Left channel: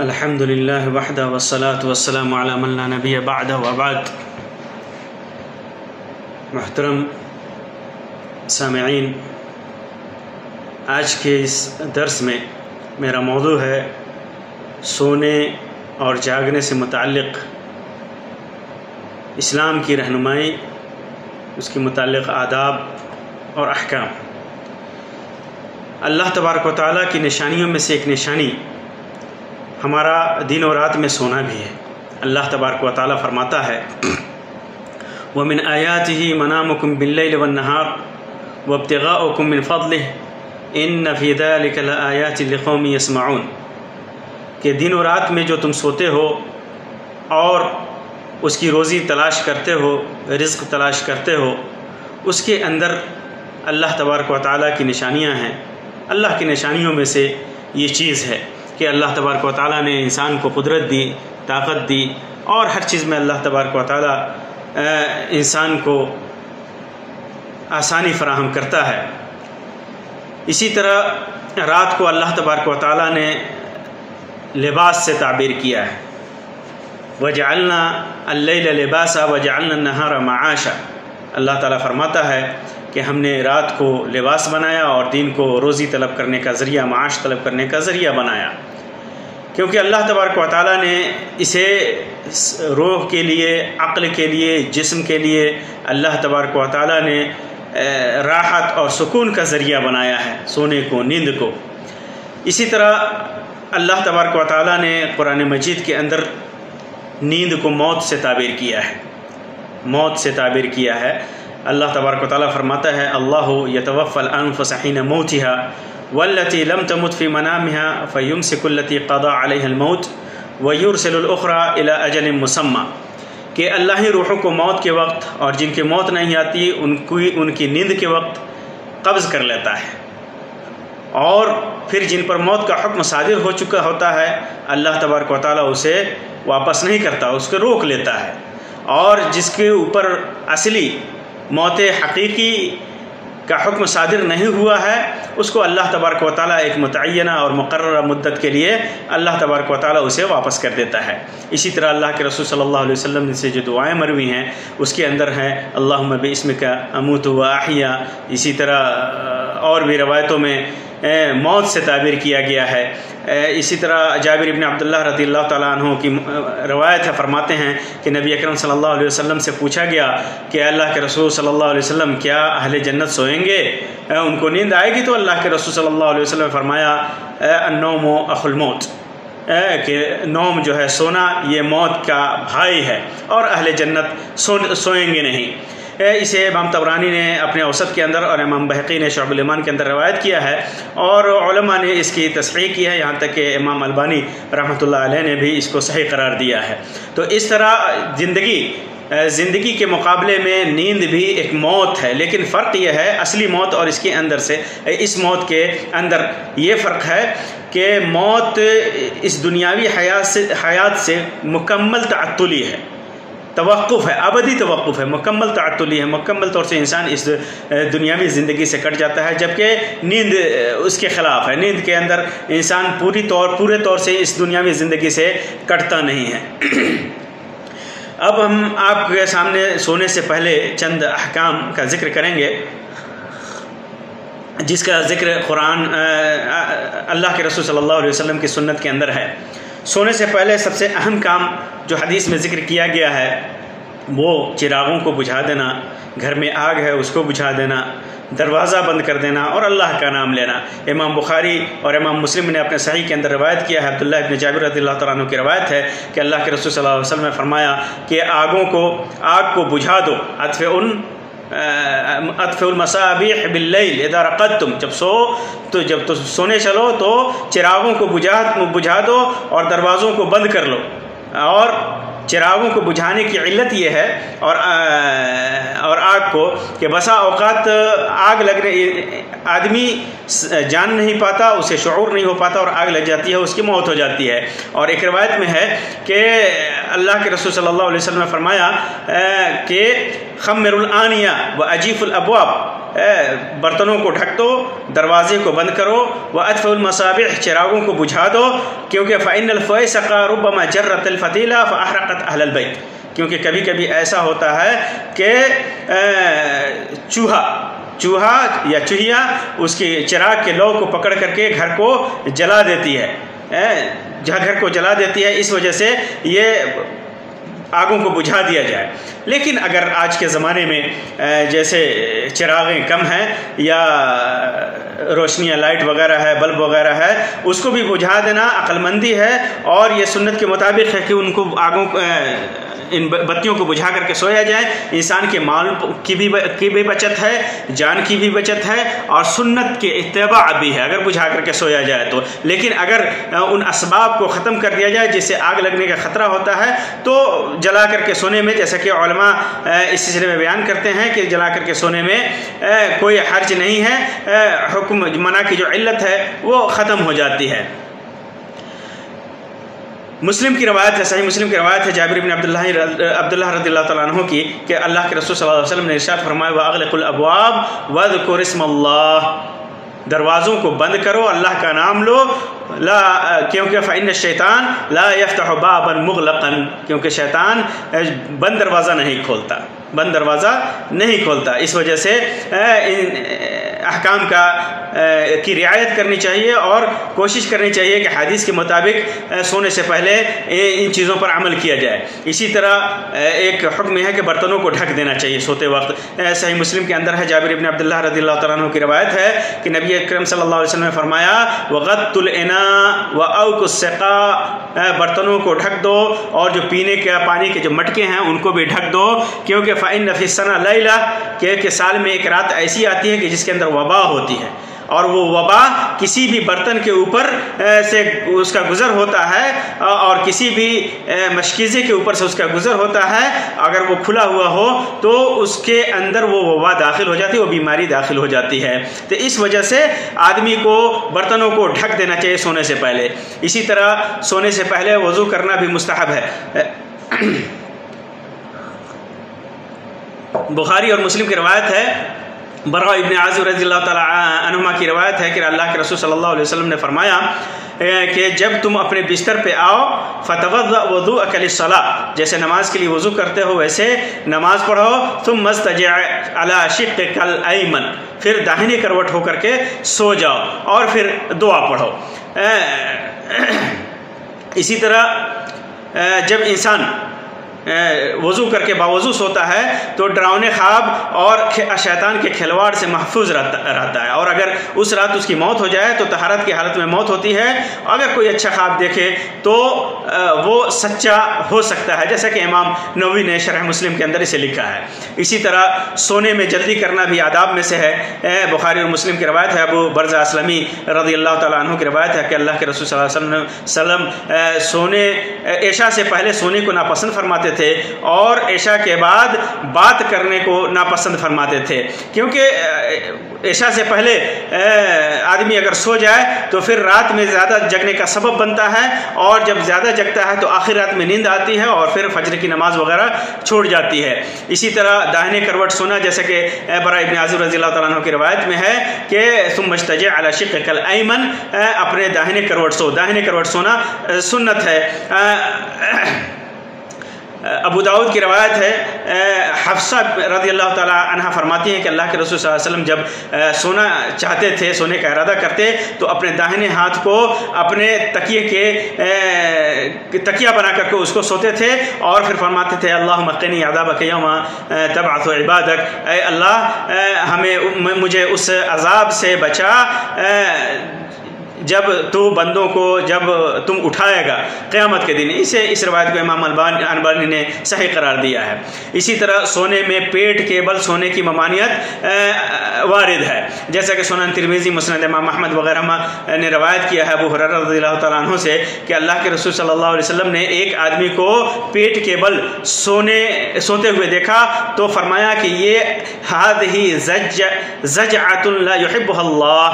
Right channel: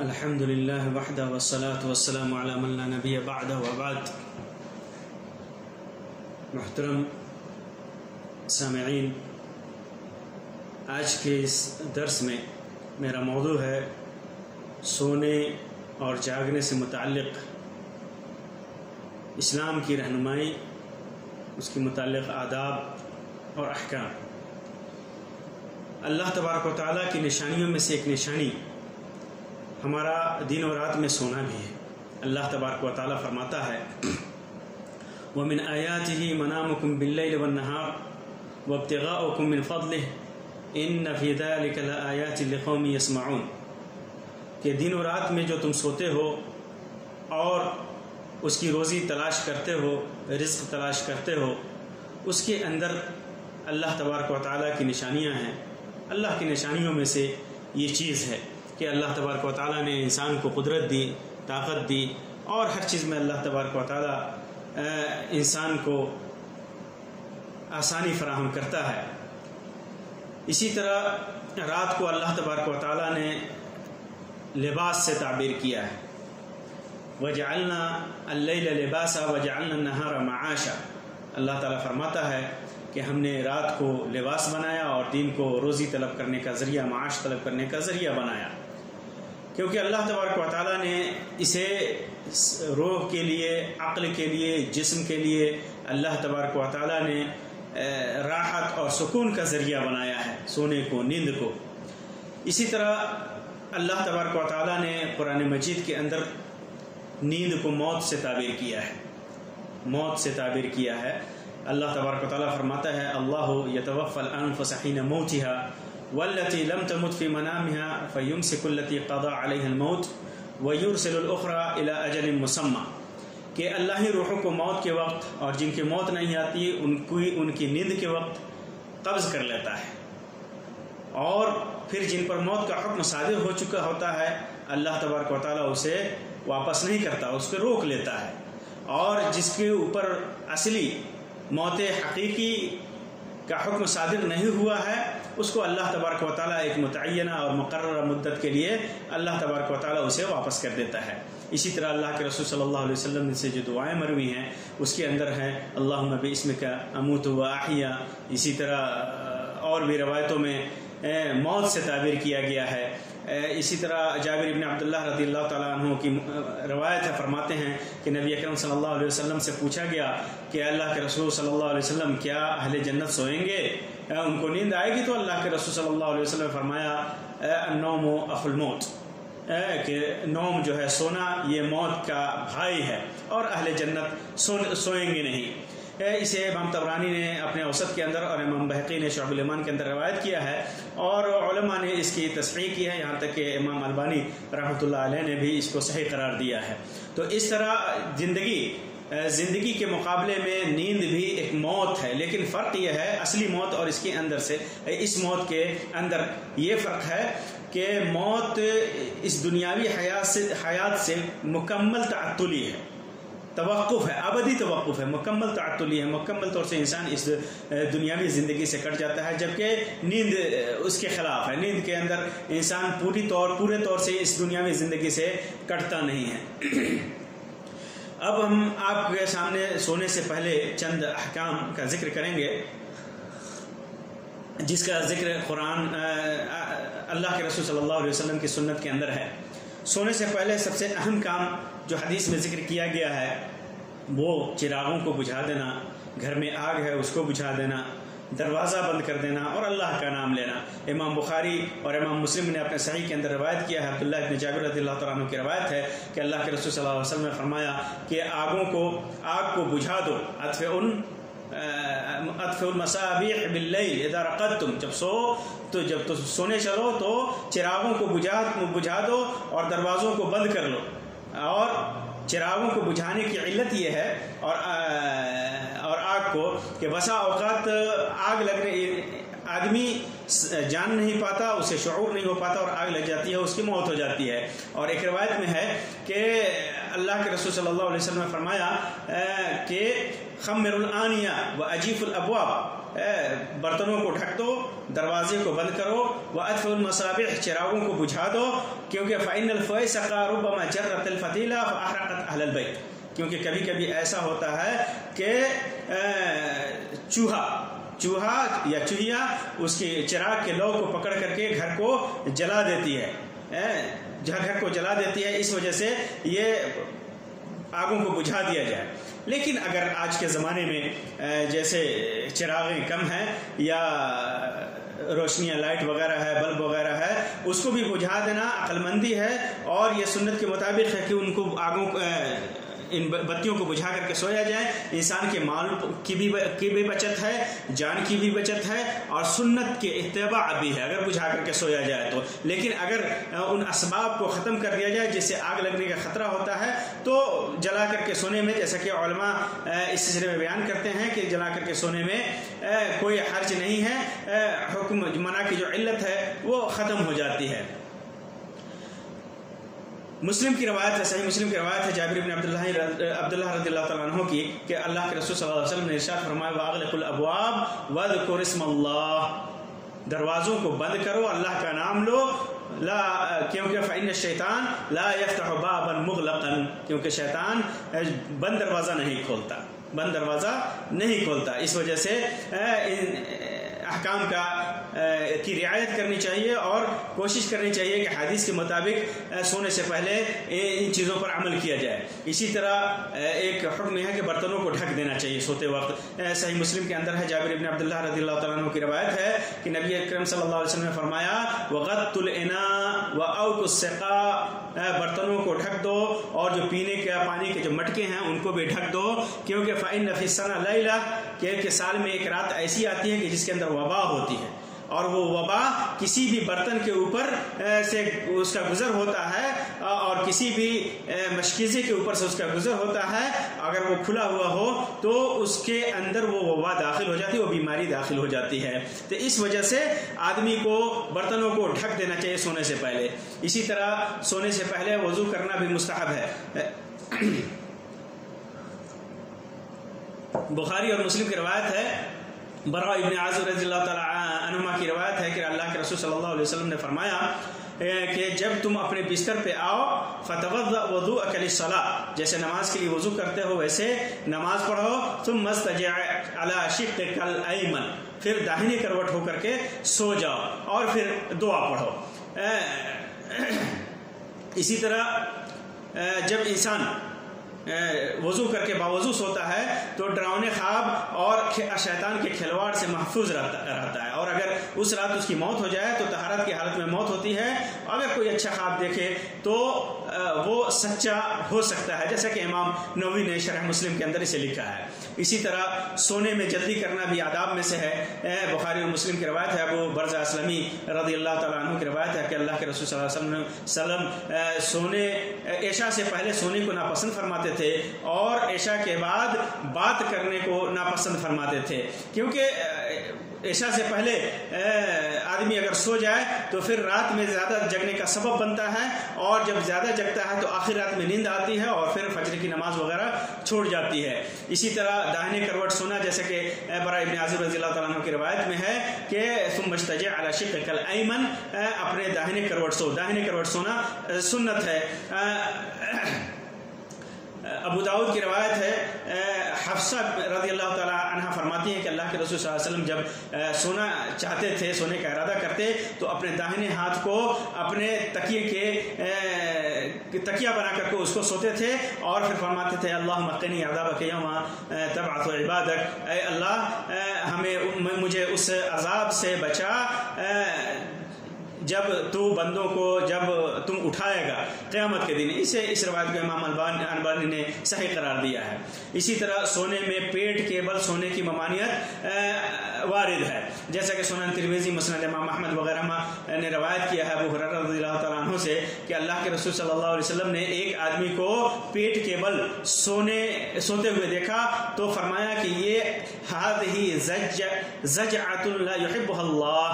الحمد للہ وحدہ والصلاة والسلام علی من لا نبی بعدہ وبعد۔ محترم سامعین، آج کے اس درس میں میرا موضوع ہے سونے اور جاگنے سے متعلق اسلام کی رہنمائی، اس کے متعلق آداب اور احکام۔ اللہ تبارک و تعالیٰ کی نشانیوں میں سے ایک نشانی ہمارا دن و رات میں سونا بھی ہے۔ اللہ تبارک و تعالیٰ فرماتا ہے وَمِنْ آيَاتِهِ مَنَامُكُمْ بِاللَّيْلِ وَالنَّهَارِ وَابْتِغَاؤُكُمْ مِنْ فَضْلِهِ إِنَّ فِي ذَلِكَ لَآيَاتٍ لِقَوْمٍ يَسْمَعُونَ کہ دن و رات میں جو تم سوتے ہو اور اس کی روزی تلاش کرتے ہو، رزق تلاش کرتے ہو، اس کے اندر اللہ تبارک و تعالیٰ کی نشانیاں ہیں۔ اللہ کی نشانیوں میں سے یہ چیز ہے کہ اللہ تبارک و تعالیٰ نے انسان کو قدرت دی، طاقت دی، اور ہر چیز میں اللہ تبارک و تعالیٰ انسان کو آسانی فراہم کرتا ہے۔ اسی طرح رات کو اللہ تبارک و تعالیٰ نے لباس سے تعبیر کیا ہے، وَجَعَلْنَا اللَّيْلَ لِبَاسًا وَجَعَلْنَا النَّهَارَ مَعَاشًا۔ اللہ تعالیٰ فرماتا ہے کہ ہم نے رات کو لباس بنایا اور دن کو روزی طلب کرنے کا ذریعہ، معاش طلب کرنے کا ذریعہ بنایا، کیونکہ اللہ تبارک و تعالیٰ نے اسے روح کے لیے، عقل کے لیے، جسم کے لیے اللہ تبارک و تعالیٰ نے راحت اور سکون کا ذریعہ بنایا ہے، سونے کو، نیند کو۔ اسی طرح اللہ تبارک و تعالیٰ نے قرآن مجید کے اندر نیند کو موت سے تعبیر کیا ہے، موت سے تعبیر کیا ہے۔ اللہ تبارک و تعالیٰ فرماتا ہے اللہ یتوفی الانفس حین موتها والتي لم تمت في منامها فيمسك التي قضى عليها الموت ويرسل الأخرى إلى أجل مسمى کہ اللہ ہی روحوں کو موت کے وقت اور جن کی موت نہیں آتی ان کی نیند کے وقت قبض کر لیتا ہے، اور پھر جن پر موت کا حکم صادر ہو چکا ہوتا ہے اللہ تبارک و تعالیٰ اسے واپس نہیں کرتا، اس کو روک لیتا ہے، اور جس کے اوپر اصلی موت حقیقی کا حکم صادر نہیں ہوا ہے اس کو اللہ تبارک و تعالیٰ ایک متعینہ اور مقررہ مدت کے لیے اللہ تبارک و تعالیٰ اسے واپس کر دیتا ہے۔ اسی طرح اللہ کے رسول صلی اللہ علیہ وسلم سے جو دعائیں مروی ہیں اس کے اندر ہیں اللہم باسمک اموت و احیا۔ اسی طرح اور بھی روایتوں میں موت سے تعبیر کیا گیا ہے۔ اسی طرح جابر بن عبداللہ رضی اللہ تعالیٰ عنہ کی روایت ہے، فرماتے ہیں کہ نبی اکرم صلی اللہ علیہ وسلم سے پوچھا گیا کہ اللہ کے رسول صلی اللہ علیہ وسلم کیا اہل جنت سوئیں گے، ان کو نیند آئے گی؟ تو اللہ کے رسول صلی اللہ علیہ وسلم نے فرمایا النوم اخو الموت، کہ نوم جو ہے، سونا، یہ موت کا بھائی ہے، اور اہل جنت سوئیں گے نہیں۔ اسے امام طبرانی نے اپنے اوسط کے اندر اور امام بہقی نے شعب الایمان کے اندر روایت کیا ہے، اور علماء نے اس کی تصحیح کی ہے، یہاں تک کہ امام البانی رحمۃ اللہ علیہ نے بھی اس کو صحیح قرار دیا ہے۔ تو اس طرح زندگی کے مقابلے میں نیند بھی ایک موت ہے، لیکن فرق یہ ہے اصلی موت اور اس کے اندر سے، اس موت کے اندر یہ فرق ہے کہ موت اس دنیاوی حیات سے مکمل تعطلی ہے، توقف ہے، ابدی توقف ہے، مکمل تعطلی ہے، مکمل طور سے انسان اس دنیاوی زندگی سے کٹ جاتا ہے، جبکہ نیند اس کے خلاف ہے۔ نیند کے اندر انسان پورے طور سے اس دنیاوی زندگی سے کٹتا نہیں ہے۔ اب ہم آپ کے سامنے سونے سے پہلے چند احکام کا ذکر کریں گے، جس کا ذکر قرآن، اللہ کے رسول صلی اللہ علیہ وسلم کی سنت کے اندر ہے۔ سونے سے پہلے سب سے اہم کام جو حدیث میں ذکر کیا گیا ہے وہ چراغوں کو بجھا دینا، گھر میں آگ ہے اس کو بجھا دینا، دروازہ بند کر دینا، اور اللہ کا نام لینا۔ امام بخاری اور امام مسلم نے اپنے صحیح کے اندر روایت کیا ہے، عبداللہ ابن جابر رضی اللہ تعالیٰ عنہ کی روایت ہے کہ اللہ کے رسول صلی اللہ علیہ وسلم نے فرمایا کہ آگ کو بجھا دو، اطفئ المصابیح باللیل اذا رقدتم، جب تو سونے چلو تو چراغوں کو بجھا دو اور دروازوں کو بند کر لو۔ اور چراغوں کو بجھانے کی علت یہ ہے اور آگ کو کہ بسا اوقات آگ لگنے آدمی جان نہیں پاتا، اسے شعور نہیں ہو پاتا، اور آگ لگ جاتی ہے، اس کی موت ہو جاتی ہے۔ اور ایک روایت میں ہے کہ اللہ کے رسول صلی اللہ علیہ وسلم نے فرمایا کہ خمر الآنیہ و اجیف الابواب، برتنوں کو ڈھک دو، دروازے کو بند کرو، وَأَطْفِئُوا الْمَصَابِيحَ چراغوں کو بجھا دو، کیونکہ فَإِنَّ الْفَوَيْسَقَ رُبَّمَا جَرَّتِ الْفَتِيلَ فَأَحْرَقَتْ أَهْلَ الْبَيْتِ، کیونکہ کبھی کبھی ایسا ہوتا ہے کہ چوہا یا چوہیا اس کے چراغ کے لو کو پکڑ کر کے گھر کو جلا دیتی ہے، گھر کو جلا دیتی ہے، اس وجہ سے یہ آگوں کو بجھا دیا جائے۔ لیکن اگر آج کے زمانے میں جیسے چراغیں کم ہیں یا روشنیاں لائٹ وغیرہ ہے، بلب وغیرہ ہے، اس کو بھی بجھا دینا عقل مندی ہے، اور یہ سنت کے مطابق ہے کہ ان کو آگوں ان بتیوں کو بجھا کر کے سویا جائے۔ انسان کے مال کی بھی بچت ہے، جان کی بھی بچت ہے، اور سنت کے اتباع بھی ہے اگر بجھا کر کے سویا جائے تو۔ لیکن اگر ان اسباب کو ختم کر دیا جائے جس سے آگ لگنے کا خطرہ ہوتا ہے تو جلا کر کے سونے میں، جیسا کہ علماء اس سلسلے میں بیان کرتے ہیں کہ جلا کر کے سونے میں کوئی حرج نہیں ہے، حکم منع کی جو علت ہے وہ ختم ہو جاتی ہے۔ مسلم کی روایت ہے، صحیح مسلم کی روایت ہے جابر بن عبداللہ رضی اللہ تعالیٰ عنہ کی کہ اللہ کے رسول صلی اللہ علیہ وسلم نے ارشاد فرمایا وَأَغْلِقُوا الْأَبْوَابَ وَاذْكُرُوا اسْمَ اللَّهِ، دروازوں کو بند کرو، اللہ کا نام لو، کیونکہ فَإِنَّ الشَّيْطَانَ لَا يَفْتَحُ بَابًا مُغْلَقًا، کیونکہ شیطان بند دروازہ نہیں کھولتا، اس وجہ سے احکام کی رعایت کرنی چاہیے اور کوشش کرنی چاہیے کہ حدیث کے مطابق سونے سے پہلے ان چیزوں پر عمل کیا جائے۔ اسی طرح ایک حکم ہے کہ برتنوں کو ڈھک دینا چاہیے سوتے وقت۔ صحیح مسلم کے اندر ہے، جابر بن عبداللہ رضی اللہ تعالیٰ عنہ کی روایت ہے کہ نبی اکرم صلی اللہ علیہ وسلم نے فرمایا وَغَطُّوا الْإِنَاءَ وَأَوْقُوا السِّقَاءَ، برتنوں کو ڈھک دو اور جو پینے کے پانی کے جو مٹکے ہیں ان کو بھی ڈھک دو، کیونکہ فَإِنَّ فِي السَّنَةِ لَيْلَةً، کہ سال میں ایک رات ایسی آتی ہے کہ جس کے اندر وبا ہوتی ہے، اور وہ وبا کسی بھی برتن کے اوپر سے اس کا گزر ہوتا ہے اور کسی بھی مشکیزے کے اوپر سے اس کا گزر ہوتا ہے، اگر وہ کھلا ہوا ہو تو اس کے اندر وہ وبا داخل ہو جاتی ہے، وہ بیماری داخل ہو جاتی ہے۔ تو اس وجہ سے آدمی کو برتنوں کو ڈھک دینا چاہیے سونے سے پہلے۔ اسی طرح سونے سے پہلے وضو کرنا بھی مستحب ہے۔ بخاری اور مسلم کی روایت ہے، براء ابن عازب رضی اللہ تعالیٰ عنہما کی روایت ہے کہ اللہ کے رسول صلی اللہ علیہ وسلم نے فرمایا کہ جب تم اپنے بستر پہ آؤ فتوضأ وضوءک للصلاۃ، جیسے نماز کے لیے وضو کرتے ہو ویسے نماز پڑھو، ثم استجع علی شقک الایمن، پھر داہنی کروٹ ہو کر کے سو جاؤ اور پھر دعا پڑھو۔ اسی طرح جب انسان وضو کر کے باوضو سوتا ہے تو ڈراؤنے خواب اور شیطان کے کھلواڑ سے محفوظ رہتا ہے، اور اگر اس رات اس کی موت ہو جائے تو طہارت کی حالت میں موت ہوتی ہے۔ اگر کوئی اچھا خواب دیکھے تو وہ سچا ہو سکتا ہے، جیسا کہ امام نووی نے شرح مسلم کے اندر اسے لکھا ہے۔ اسی طرح سونے میں جلدی کرنا بھی آداب میں سے ہے۔ بخاری اور مسلم کی روایت ہے، ابو برزہ اسلمی رضی اللہ تعالیٰ عنہ کی روایت ہے کہ اللہ کے رسول صلی اللہ علیہ وسلم عشاء سے پہلے سونے کو ناپسند فرماتے تھے اور عشاء کے بعد بات کرنے کو ناپسند فرماتے تھے، کیونکہ عشاء سے پہلے آدمی اگر سو جائے تو پھر رات میں زیادہ جگنے کا سبب بنتا ہے، اور جب زیادہ جگتا ہے تو آخر رات میں نیند آتی ہے اور پھر فجر کی نماز وغیرہ چھوڑ جاتی ہے۔ اسی طرح داہنے کروٹ سونا، جیسا کہ براء ابن عازب رضی اللہ تعالیٰ عنہ کی روایت میں ہے کہ ثم استجع علی شقک الایمن، اپنے داہنے کروٹ سو، داہنے کروٹ سونا سنت ہے۔ ابو داؤد کی روایت ہے، حفصہ رضی اللہ تعالیٰ عنہ فرماتی ہیں کہ اللہ کے رسول صلی اللہ علیہ وسلم جب سونا چاہتے تھے، سونے کا ارادہ کرتے تو اپنے داہنے ہاتھ کو اپنے تکیہ بنا کر کے اس کو سوتے تھے اور پھر فرماتے تھے اللہم قنی عذابک یوم تبعث عبادک، اے اللہ مجھے اس عذاب سے بچا جب تو بندوں کو جب تم اٹھائے گا قیامت کے دن۔ اس روایت کو امام البانی نے صحیح قرار دیا ہے۔ اسی طرح سونے میں پیٹ کے بل سونے کی ممانعت وارد ہے، جیسا کہ سنن ترمذی، مسند امام احمد وغیرہ نے روایت کیا ہے ابو ہریرہ رضی اللہ تعالیٰ عنہ سے کہ اللہ کے رسول صلی اللہ علیہ وسلم نے ایک آدمی کو پیٹ کے بل سوتے ہوئے دیکھا تو فرمایا کہ یہ هذه زجعۃ لا يحبها اللہ،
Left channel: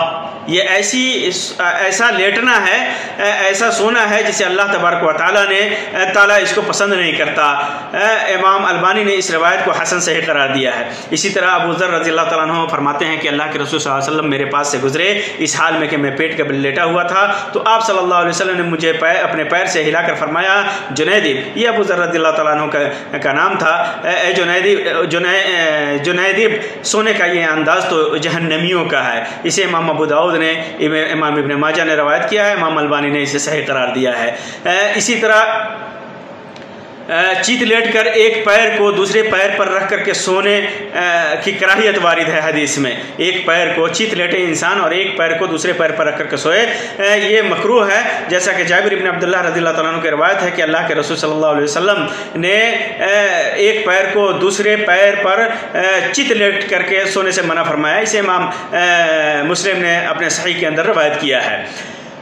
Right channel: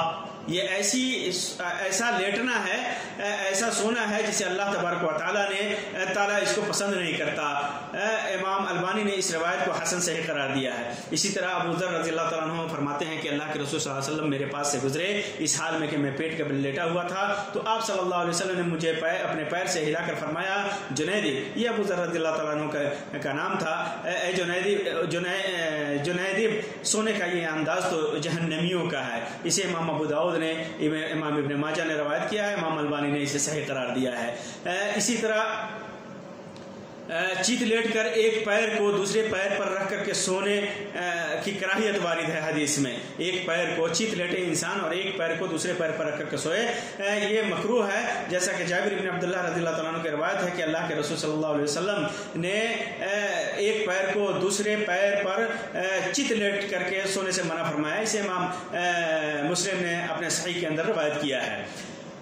یہ ایسا لیٹنا ہے، ایسا سونا ہے جسے اللہ تبارک و تعالیٰ اس کو پسند نہیں کرتا۔ امام البانی نے اس روایت کو حسن صحیح قرار دیا ہے۔ اسی طرح ابو ذر رضی اللہ تعالیٰ عنہ فرماتے ہیں کہ اللہ کے رسول صلی اللہ علیہ وسلم میرے پاس سے گزرے اس حال میں کہ میں پیٹ کے بل لیٹا ہوا تھا، تو آپ صلی اللہ علیہ وسلم نے مجھے اپنے پیر سے ہلا کر فرمایا جنیدب، یہ ابو ذر رضی اللہ تعالیٰ عنہ کا نام تھا، اے جنیدب، سونے کا یہ انداز تو جہنمیوں کا ہے۔ اسے امام ابو داؤد نے، امام ابن ماجہ نے روایت کیا ہے، امام البانی نے اسے صحیح قرار دیا ہے۔ اسی طرح چیت لیٹ کر ایک پیر کو دوسرے پیر پر رکھ کر کے سونے کی کراہیت وارد ہے حدیث میں۔ ایک پیر کو چیت لیٹے انسان اور ایک پیر کو دوسرے پیر پر رکھ کر کے سوئے، یہ مکروہ ہے، جیسا کہ جابر ابن عبداللہ رضی اللہ تعالیٰ عنہ کی روایت ہے کہ اللہ کے رسول صلی اللہ علیہ وسلم نے ایک پیر کو دوسرے پیر پر چیت لیٹ کر کے سونے سے منع فرمایا۔ اسے امام مسلم نے اپنے صحیح کے اندر روایت کیا ہے۔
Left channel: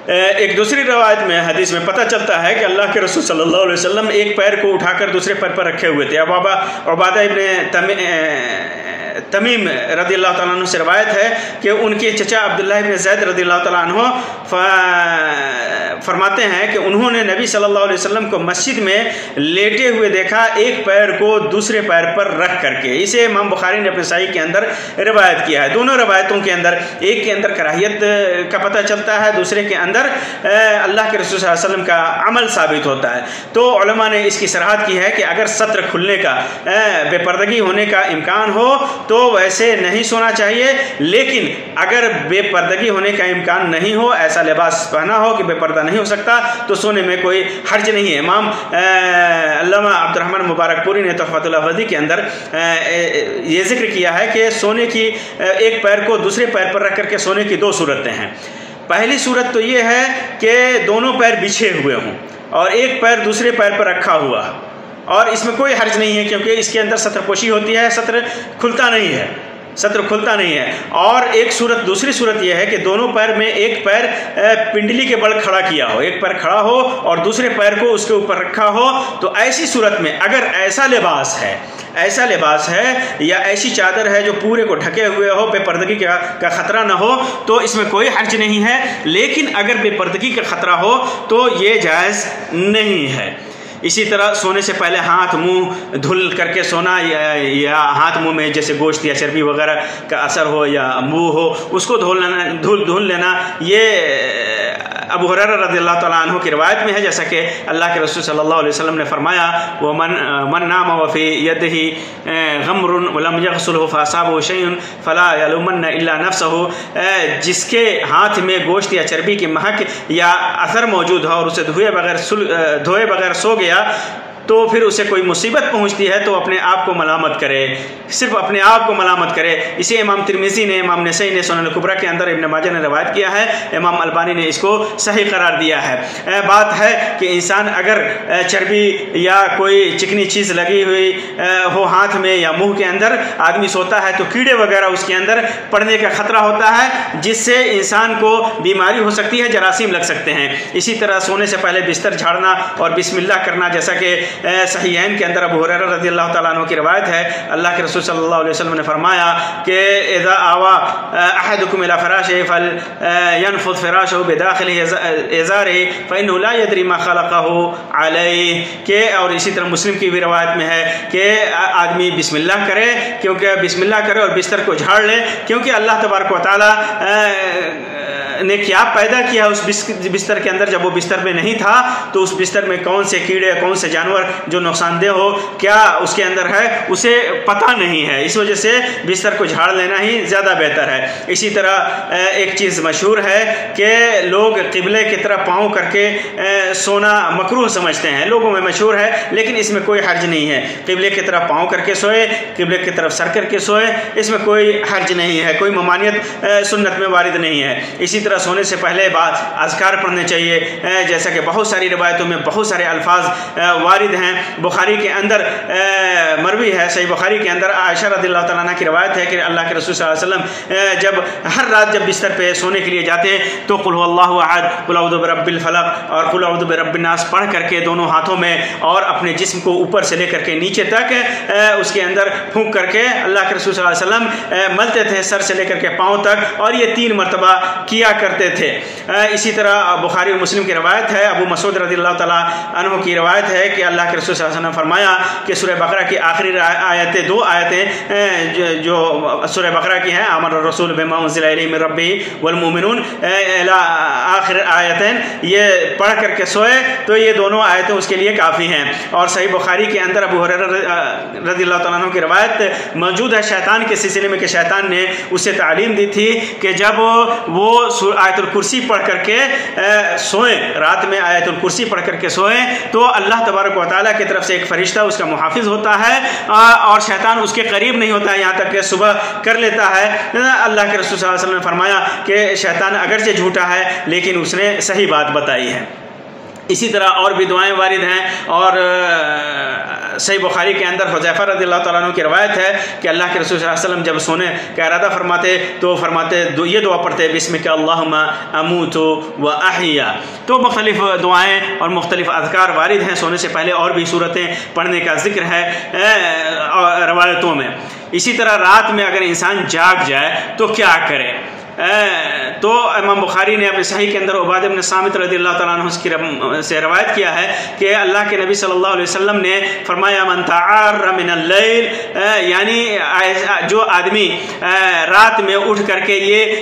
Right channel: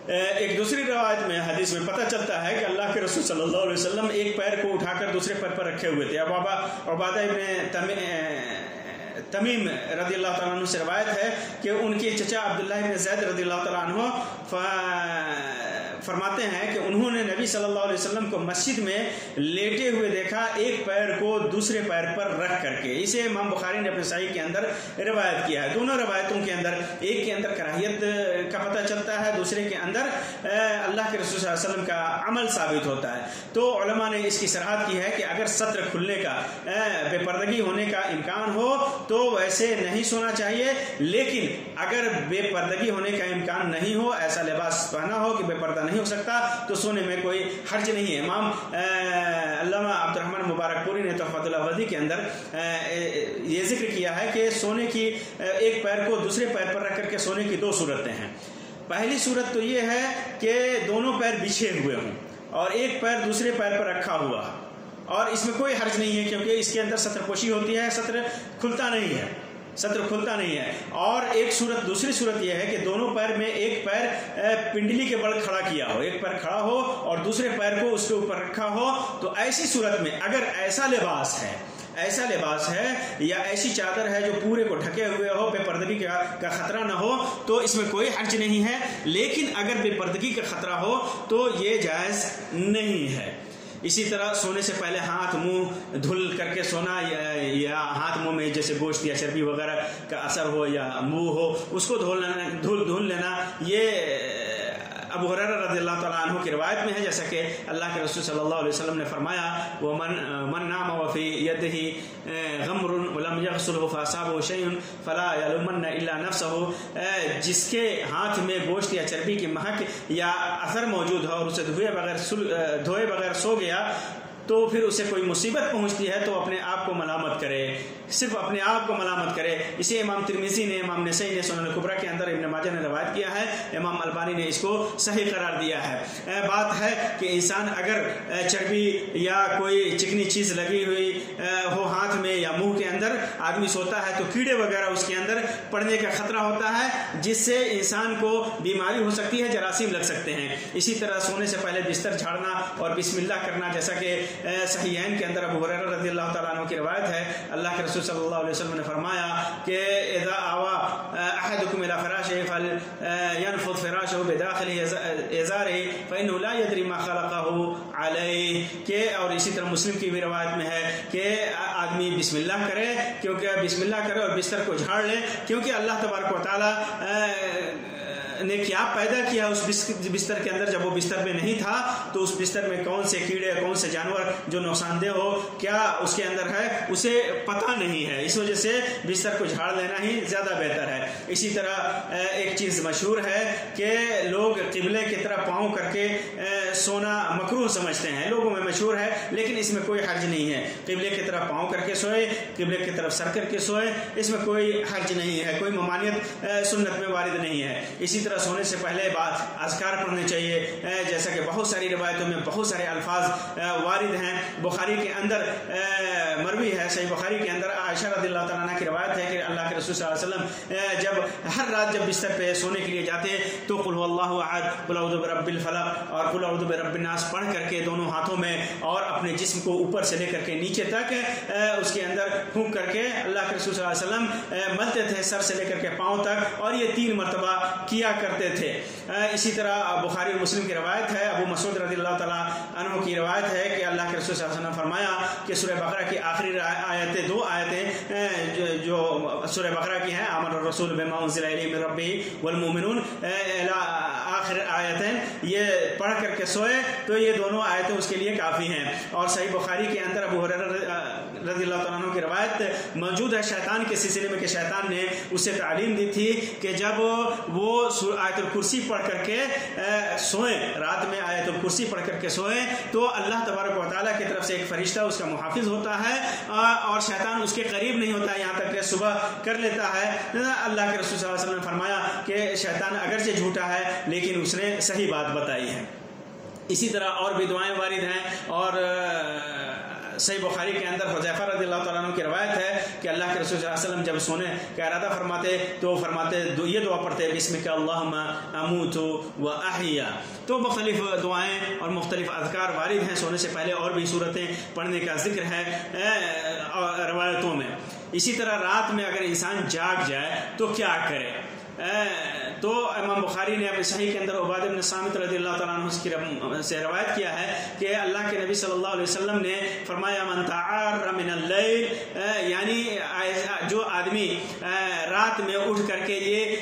ایک دوسری روایت میں حدیث میں پتہ چلتا ہے کہ اللہ کے رسول صلی اللہ علیہ وسلم ایک پیر کو اٹھا کر دوسرے پیر پر رکھے ہوئے تھے۔ عبادہ ابن تمیم رضی اللہ تعالیٰ عنہ سے روایت ہے کہ ان کے چچا عبداللہ ابن زید رضی اللہ تعالیٰ عنہ فرماتے ہیں کہ انہوں نے نبی صلی اللہ علیہ وسلم کو مسجد میں لیٹے ہوئے دیکھا ایک پیر کو دوسرے پیر پر رکھ کر کے۔ اسے امام بخاری نے اپنے صحیح کے اندر روایت کیا ہے۔ دونوں روایتوں کے اندر ایک کے اندر کراہیت کا پتہ چلتا ہے، دوسرے کے اندر اللہ کے رسول صلی اللہ علیہ وسلم کا عمل ثابت ہوتا ہے۔ تو علماء نے اس کی صراحت کی ہے کہ اگر ستر کھلنے کا، بے پردگی ہونے کا امکان ہو تو ویسے نہیں سونا چاہیے، لیکن اگر بے پردگی ہونے کا امکان نہیں ہو، ایسا لباس پہنا ہو کہ بے پردہ نہیں ہو سکتا، تو سونے میں کوئی حرج نہیں ہے۔ امام علامہ عبد الرحمن مبارک پوری نے تحفۃ الافدی کے اندر یہ ذکر کیا ہے کہ سونے کی ایک پیر کو دوسرے پیر پر رکھ کر کے سونے کی دو صورتیں ہیں۔ پہلی صورت تو یہ ہے کہ دونوں پیر بچھے ہوئے ہوں اور ایک پیر دوسرے پیر پر رکھا ہوا، اور اس میں کوئی حرج نہیں ہے کیونکہ اس کے اندر ستر پوشی ہوتی ہے، ستر کھلتا نہیں ہے۔ اور ایک صورت، دوسری صورت یہ ہے کہ دونوں پیر میں ایک پیر پنڈلی کے بل کھڑا کیا ہو، ایک پیر کھڑا ہو اور دوسرے پیر کو اس کے اوپر رکھا ہو، تو ایسی صورت میں اگر ایسا لباس ہے یا ایسی چادر ہے جو پورے کو ڈھکے ہوئے ہو، بے پردگی کا خطرہ نہ ہو، تو اس میں کوئی حرج نہیں ہے۔ لیکن اگر بے پردگی کا خطرہ ہو تو یہ جائز نہیں ہے۔ اسی طرح سونے سے پہلے ہاتھ منہ دھل کر کے سونا، یا ہاتھ منہ میں جیسے گوشت یا چربی وغیرہ کا اثر ہو یا بو ہو، اس کو دھل لینا، یہ ابو ہریرہ رضی اللہ تعالیٰ عنہ کی روایت میں ہے، جیسا کہ اللہ کے رسول صلی اللہ علیہ وسلم نے فرمایا وَمَن نَامَ وَفِي يَدِهِ غَمْرٌ وَلَمْ يَغْسُلْهُ فَأَصَابَهُ شَيْءٌ فَلَا يَلُومَنَّ إِلَّا نَفْسَهُ، جس کے ہاتھ میں گوشت یا چربی کی مہک یا اثر موجود ہو اور اسے دھوئے بغیر سو گیا، تو پھر اسے کوئی مصیبت پہنچتی ہے تو اپنے آپ کو ملامت کرے، صرف اپنے آپ کو ملامت کرے۔ اسے امام ترمذی نے، امام نسائی نے سنن کبریٰ کے اندر، ابن ماجہ نے روایت کیا ہے، امام البانی نے اس کو صحیح قرار دیا ہے۔ بات ہے کہ انسان اگر چربی یا کوئی چکنی چیز لگی ہوئی ہو ہاتھ میں یا منہ کے اندر، آدمی سوتا ہے تو کیڑے وغیرہ اس کے اندر پڑنے کا خطرہ ہوتا ہے، جس سے انسان کو بیماری ہو سکتی ہے، جراثیم لگ سکتے ہیں۔ اسی طرح سونے سے پہلے بستر جھاڑنا اور بسم اللہ کرنا، جیسا کہ صحیحین کے اندر ابو ہریرہ رضی اللہ تعالیٰ عنہ کی روایت ہے، اللہ کے رسول صلی اللہ علیہ وسلم نے فرمایا کہ اذا آوا احدکم الى فراشه فلینفض فراشه بداخل ازاره فانه لا يدري ما خلقه علیہ، کہ اور اسی طرح مسلم کی بھی روایت میں ہے کہ آدمی بسم اللہ کرے، کیونکہ بسم اللہ کرے اور بستر کو جھاڑ لے، کیونکہ اللہ تبارک و تعالیٰ نے کیا پیدا کیا اس بستر کے اندر، جب وہ بستر میں نہیں تھا تو اس بستر میں کون سے کیڑے، کون سے جانور جو نقصان دہ ہو، کیا اس کے اندر ہے، اسے پتہ نہیں ہے۔ اس وجہ سے بستر کو جھاڑ لینا ہی زیادہ بہتر ہے۔ اسی طرح ایک چیز مشہور ہے کہ لوگ قبلے کی طرف پاؤں کر کے سونا مکروہ سمجھتے ہیں، لوگوں میں مشہور ہے، لیکن اس میں کوئی حرج نہیں ہے۔ قبلے کی طرف پاؤں کر کے سوئے، قبلے کی طرف سر کر کے سوئے، اس میں کوئی حرج نہیں ہے، کوئی ممانعت سنت میں وارد نہیں ہے۔ اسی طرح سونے سے پہلے بعد اذکار پڑھنے چاہیے، جیسا کہ بہت ساری روایتوں میں بہت سارے الفاظ وارد ہیں۔ بخاری کے اندر مروی ہے، صحیح بخاری کے اندر عائشہ رضی اللہ تعالیٰ عنہ کی روایت ہے کہ اللہ کے رسول صلی اللہ علیہ وسلم جب ہر رات جب بستر پہ سونے کے لیے جاتے تو قل هو اللہ احد، قل اعوذ برب الفلق اور قل اعوذ برب الناس پڑھ کر کے دونوں ہاتھوں میں اور اپنے جسم کو اوپر سے لے کر کے نیچے تک اس کے اندر پھونک کر کے اللہ کے رسول صلی اللہ علیہ وسلم ملتے تھے، سر سے لے کر کے پاؤں تک، اور یہ 3 مرتبہ کیا کرتے تھے۔ اسی طرح بخاری و مسلم کی روایت ہے، ابو مسعود رضی اللہ تعالیٰ عنہ کی روایت ہے کہ اللہ کے رسول صلی اللہ علیہ وسلم نے فرمایا کہ سورہ بقرہ کی آخری آیتیں، 2 آیتیں جو سورہ بقرہ کی ہیں، آمن الرسول بما انزل الیہ من ربہ والمؤمنون آخر آیتیں، یہ پڑھ کر کے سوئے تو یہ دونوں آیتیں اس کے لیے کافی ہیں۔ اور صحیح بخاری کے اندر ابو ہریرہ رضی اللہ تعالیٰ عنہ کی روایت موجود ہے شیطان کے سلسلے میں کہ شیطان نے اسے تعلیم دی تھی کہ جب وہ آیت الکرسی پڑھ کر کے سوئیں، رات میں آیت الکرسی پڑھ کر کے سوئیں، تو اللہ تبارک و تعالیٰ کی طرف سے ایک فرشتہ اس کا محافظ ہوتا ہے اور شیطان اس کے قریب نہیں ہوتا ہے یہاں تک کہ صبح کر لیتا ہے۔ اللہ کے رسول صلی اللہ علیہ وسلم نے فرمایا کہ شیطان اگرچہ جھوٹا ہے لیکن اس نے صحیح بات بتائی ہے۔ اسی طرح اور بھی دعائیں وارد ہیں، اور صحیح بخاری کے اندر حذیفہ رضی اللہ تعالیٰ عنہ کی روایت ہے کہ اللہ کے رسول صلی اللہ علیہ وسلم جب سونے کا ارادہ فرماتے تو فرماتے یہ دعا پڑھتے بسمک اللہم اموت و احیا۔ تو مختلف دعائیں اور مختلف اذکار وارد ہیں، سونے سے پہلے اور بھی صورتیں پڑھنے کا ذکر ہے روایتوں میں۔ اسی طرح رات میں اگر انسان جاگ جائے تو کیا کرے؟ تو امام بخاری نے اپنے صحیح کے اندر عبادہ بن صامت رضی اللہ تعالیٰ عنہ سے روایت کیا ہے کہ اللہ کے نبی صلی اللہ علیہ وسلم نے فرمایا من تعار من اللیل، یعنی جو آدمی رات میں اٹھ کر کے یہ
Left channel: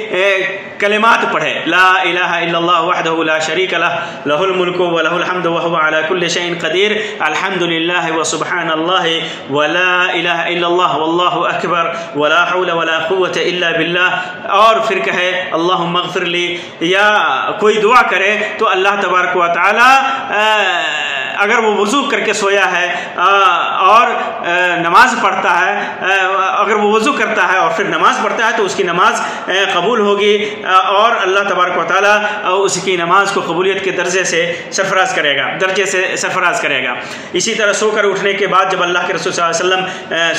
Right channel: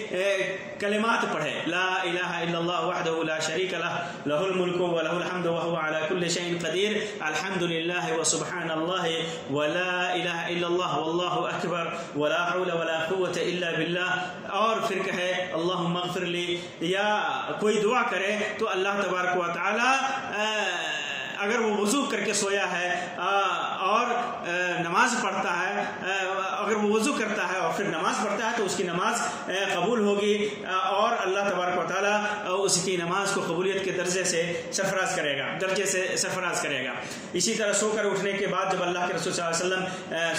کلمات پڑھے، لا الہ الا اللہ وحدہ لا شریک لہ لہ الملک و لہ الحمد وہو علی کل شیء قدیر، الحمد للہ وسبحان اللہ ولا الہ الا اللہ واللہ اکبر ولا حول ولا قوة الا باللہ، اور پھر کہے اللہم اغفر لی، یا کوئی دعا کرے تو اللہ تبارک و تعالی اگر وہ وضو کر کے سویا ہے اور نماز پڑھتا ہے، اگر وہ وضو کرتا ہے اور پھر نماز پڑھتا ہے تو اس کی نماز قبول ہوگی اور اللہ تبارک و تعالیٰ اس کی نماز کو قبولیت کے درجے سے سرفراز کرے گا۔ اسی طرح سو کر اٹھنے کے بعد جب اللہ کے رسول صلی اللہ علیہ وسلم